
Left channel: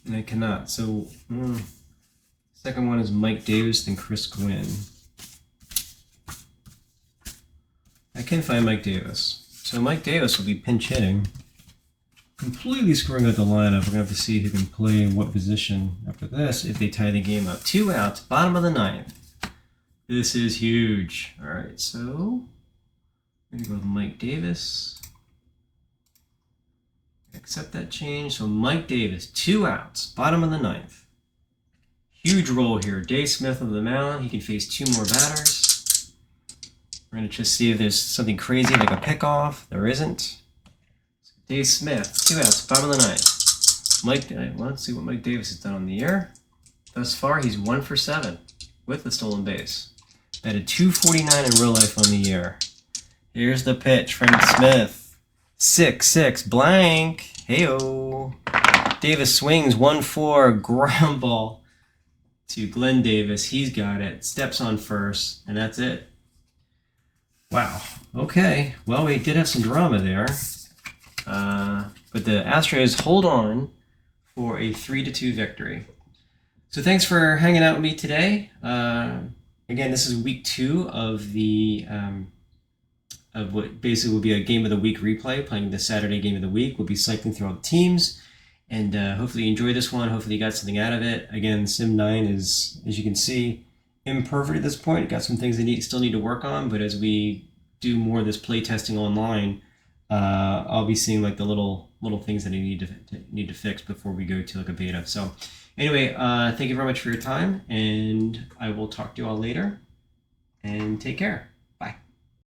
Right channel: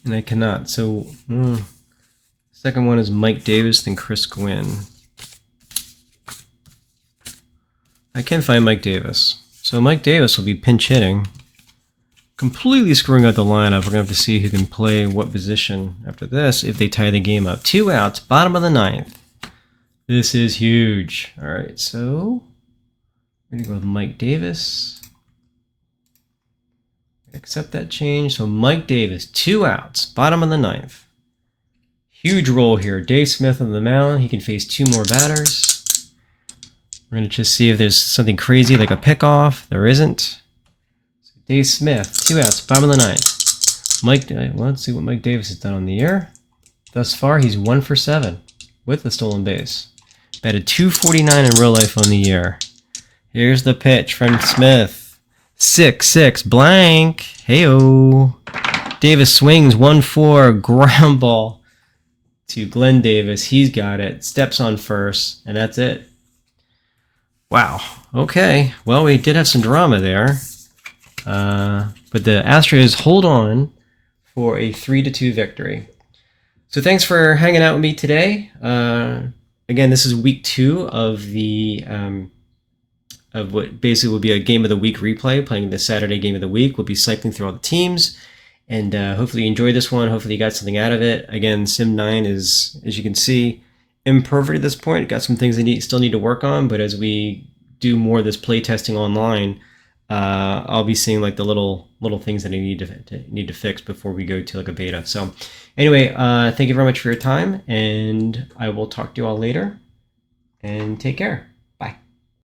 And I cannot. So, second one is Mike Davis, then Chris Gwynn. I can find Mike Davis. So Mike Davis will be pinch hitting. Completely screwing out the lineup. We're going to have to see who can play what position after this if they tie the game up. 2 outs, bottom of the 9th. This is huge. All right, so we're going to go with Mike Davis. Accept that change. So Mike Davis, 2 outs, bottom of the 9th. Huge roll here. Dave Smith on the mound. He can face 2 more batters. We're going to just see if there's something crazy like a pickoff. There isn't. So Dave Smith, 2 outs, bottom of the 9th. Let's see what Mike Davis has done on the year. Thus far, he's 1 for 7 with the stolen base. Batted .249 in real life on the year. Here's the pitch from Smith. 6-6 blank. Heyo. Davis swings 1-4 ground ball to Glenn Davis. He's got it. Steps on first, and that's it. Wow. Okay. Well, we did have some drama there. But the Astros hold on for a 3-2 victory. So thanks for hanging out with me today. Again, this is week 2 of the of what basically will be a game of the week replay, playing the Saturday game of the week. We'll be cycling through all the teams, and hopefully you enjoyed this one. Hopefully you got something out of it. Again, SIM9 is, as you can see, imperfect at this point. Got some things they still need to work on, but as we do more of this play testing online, I'll be seeing like the little things that I need to fix before we go to like a beta. So anyway, thank you very much for your time, and I will talk to you all later, and take care.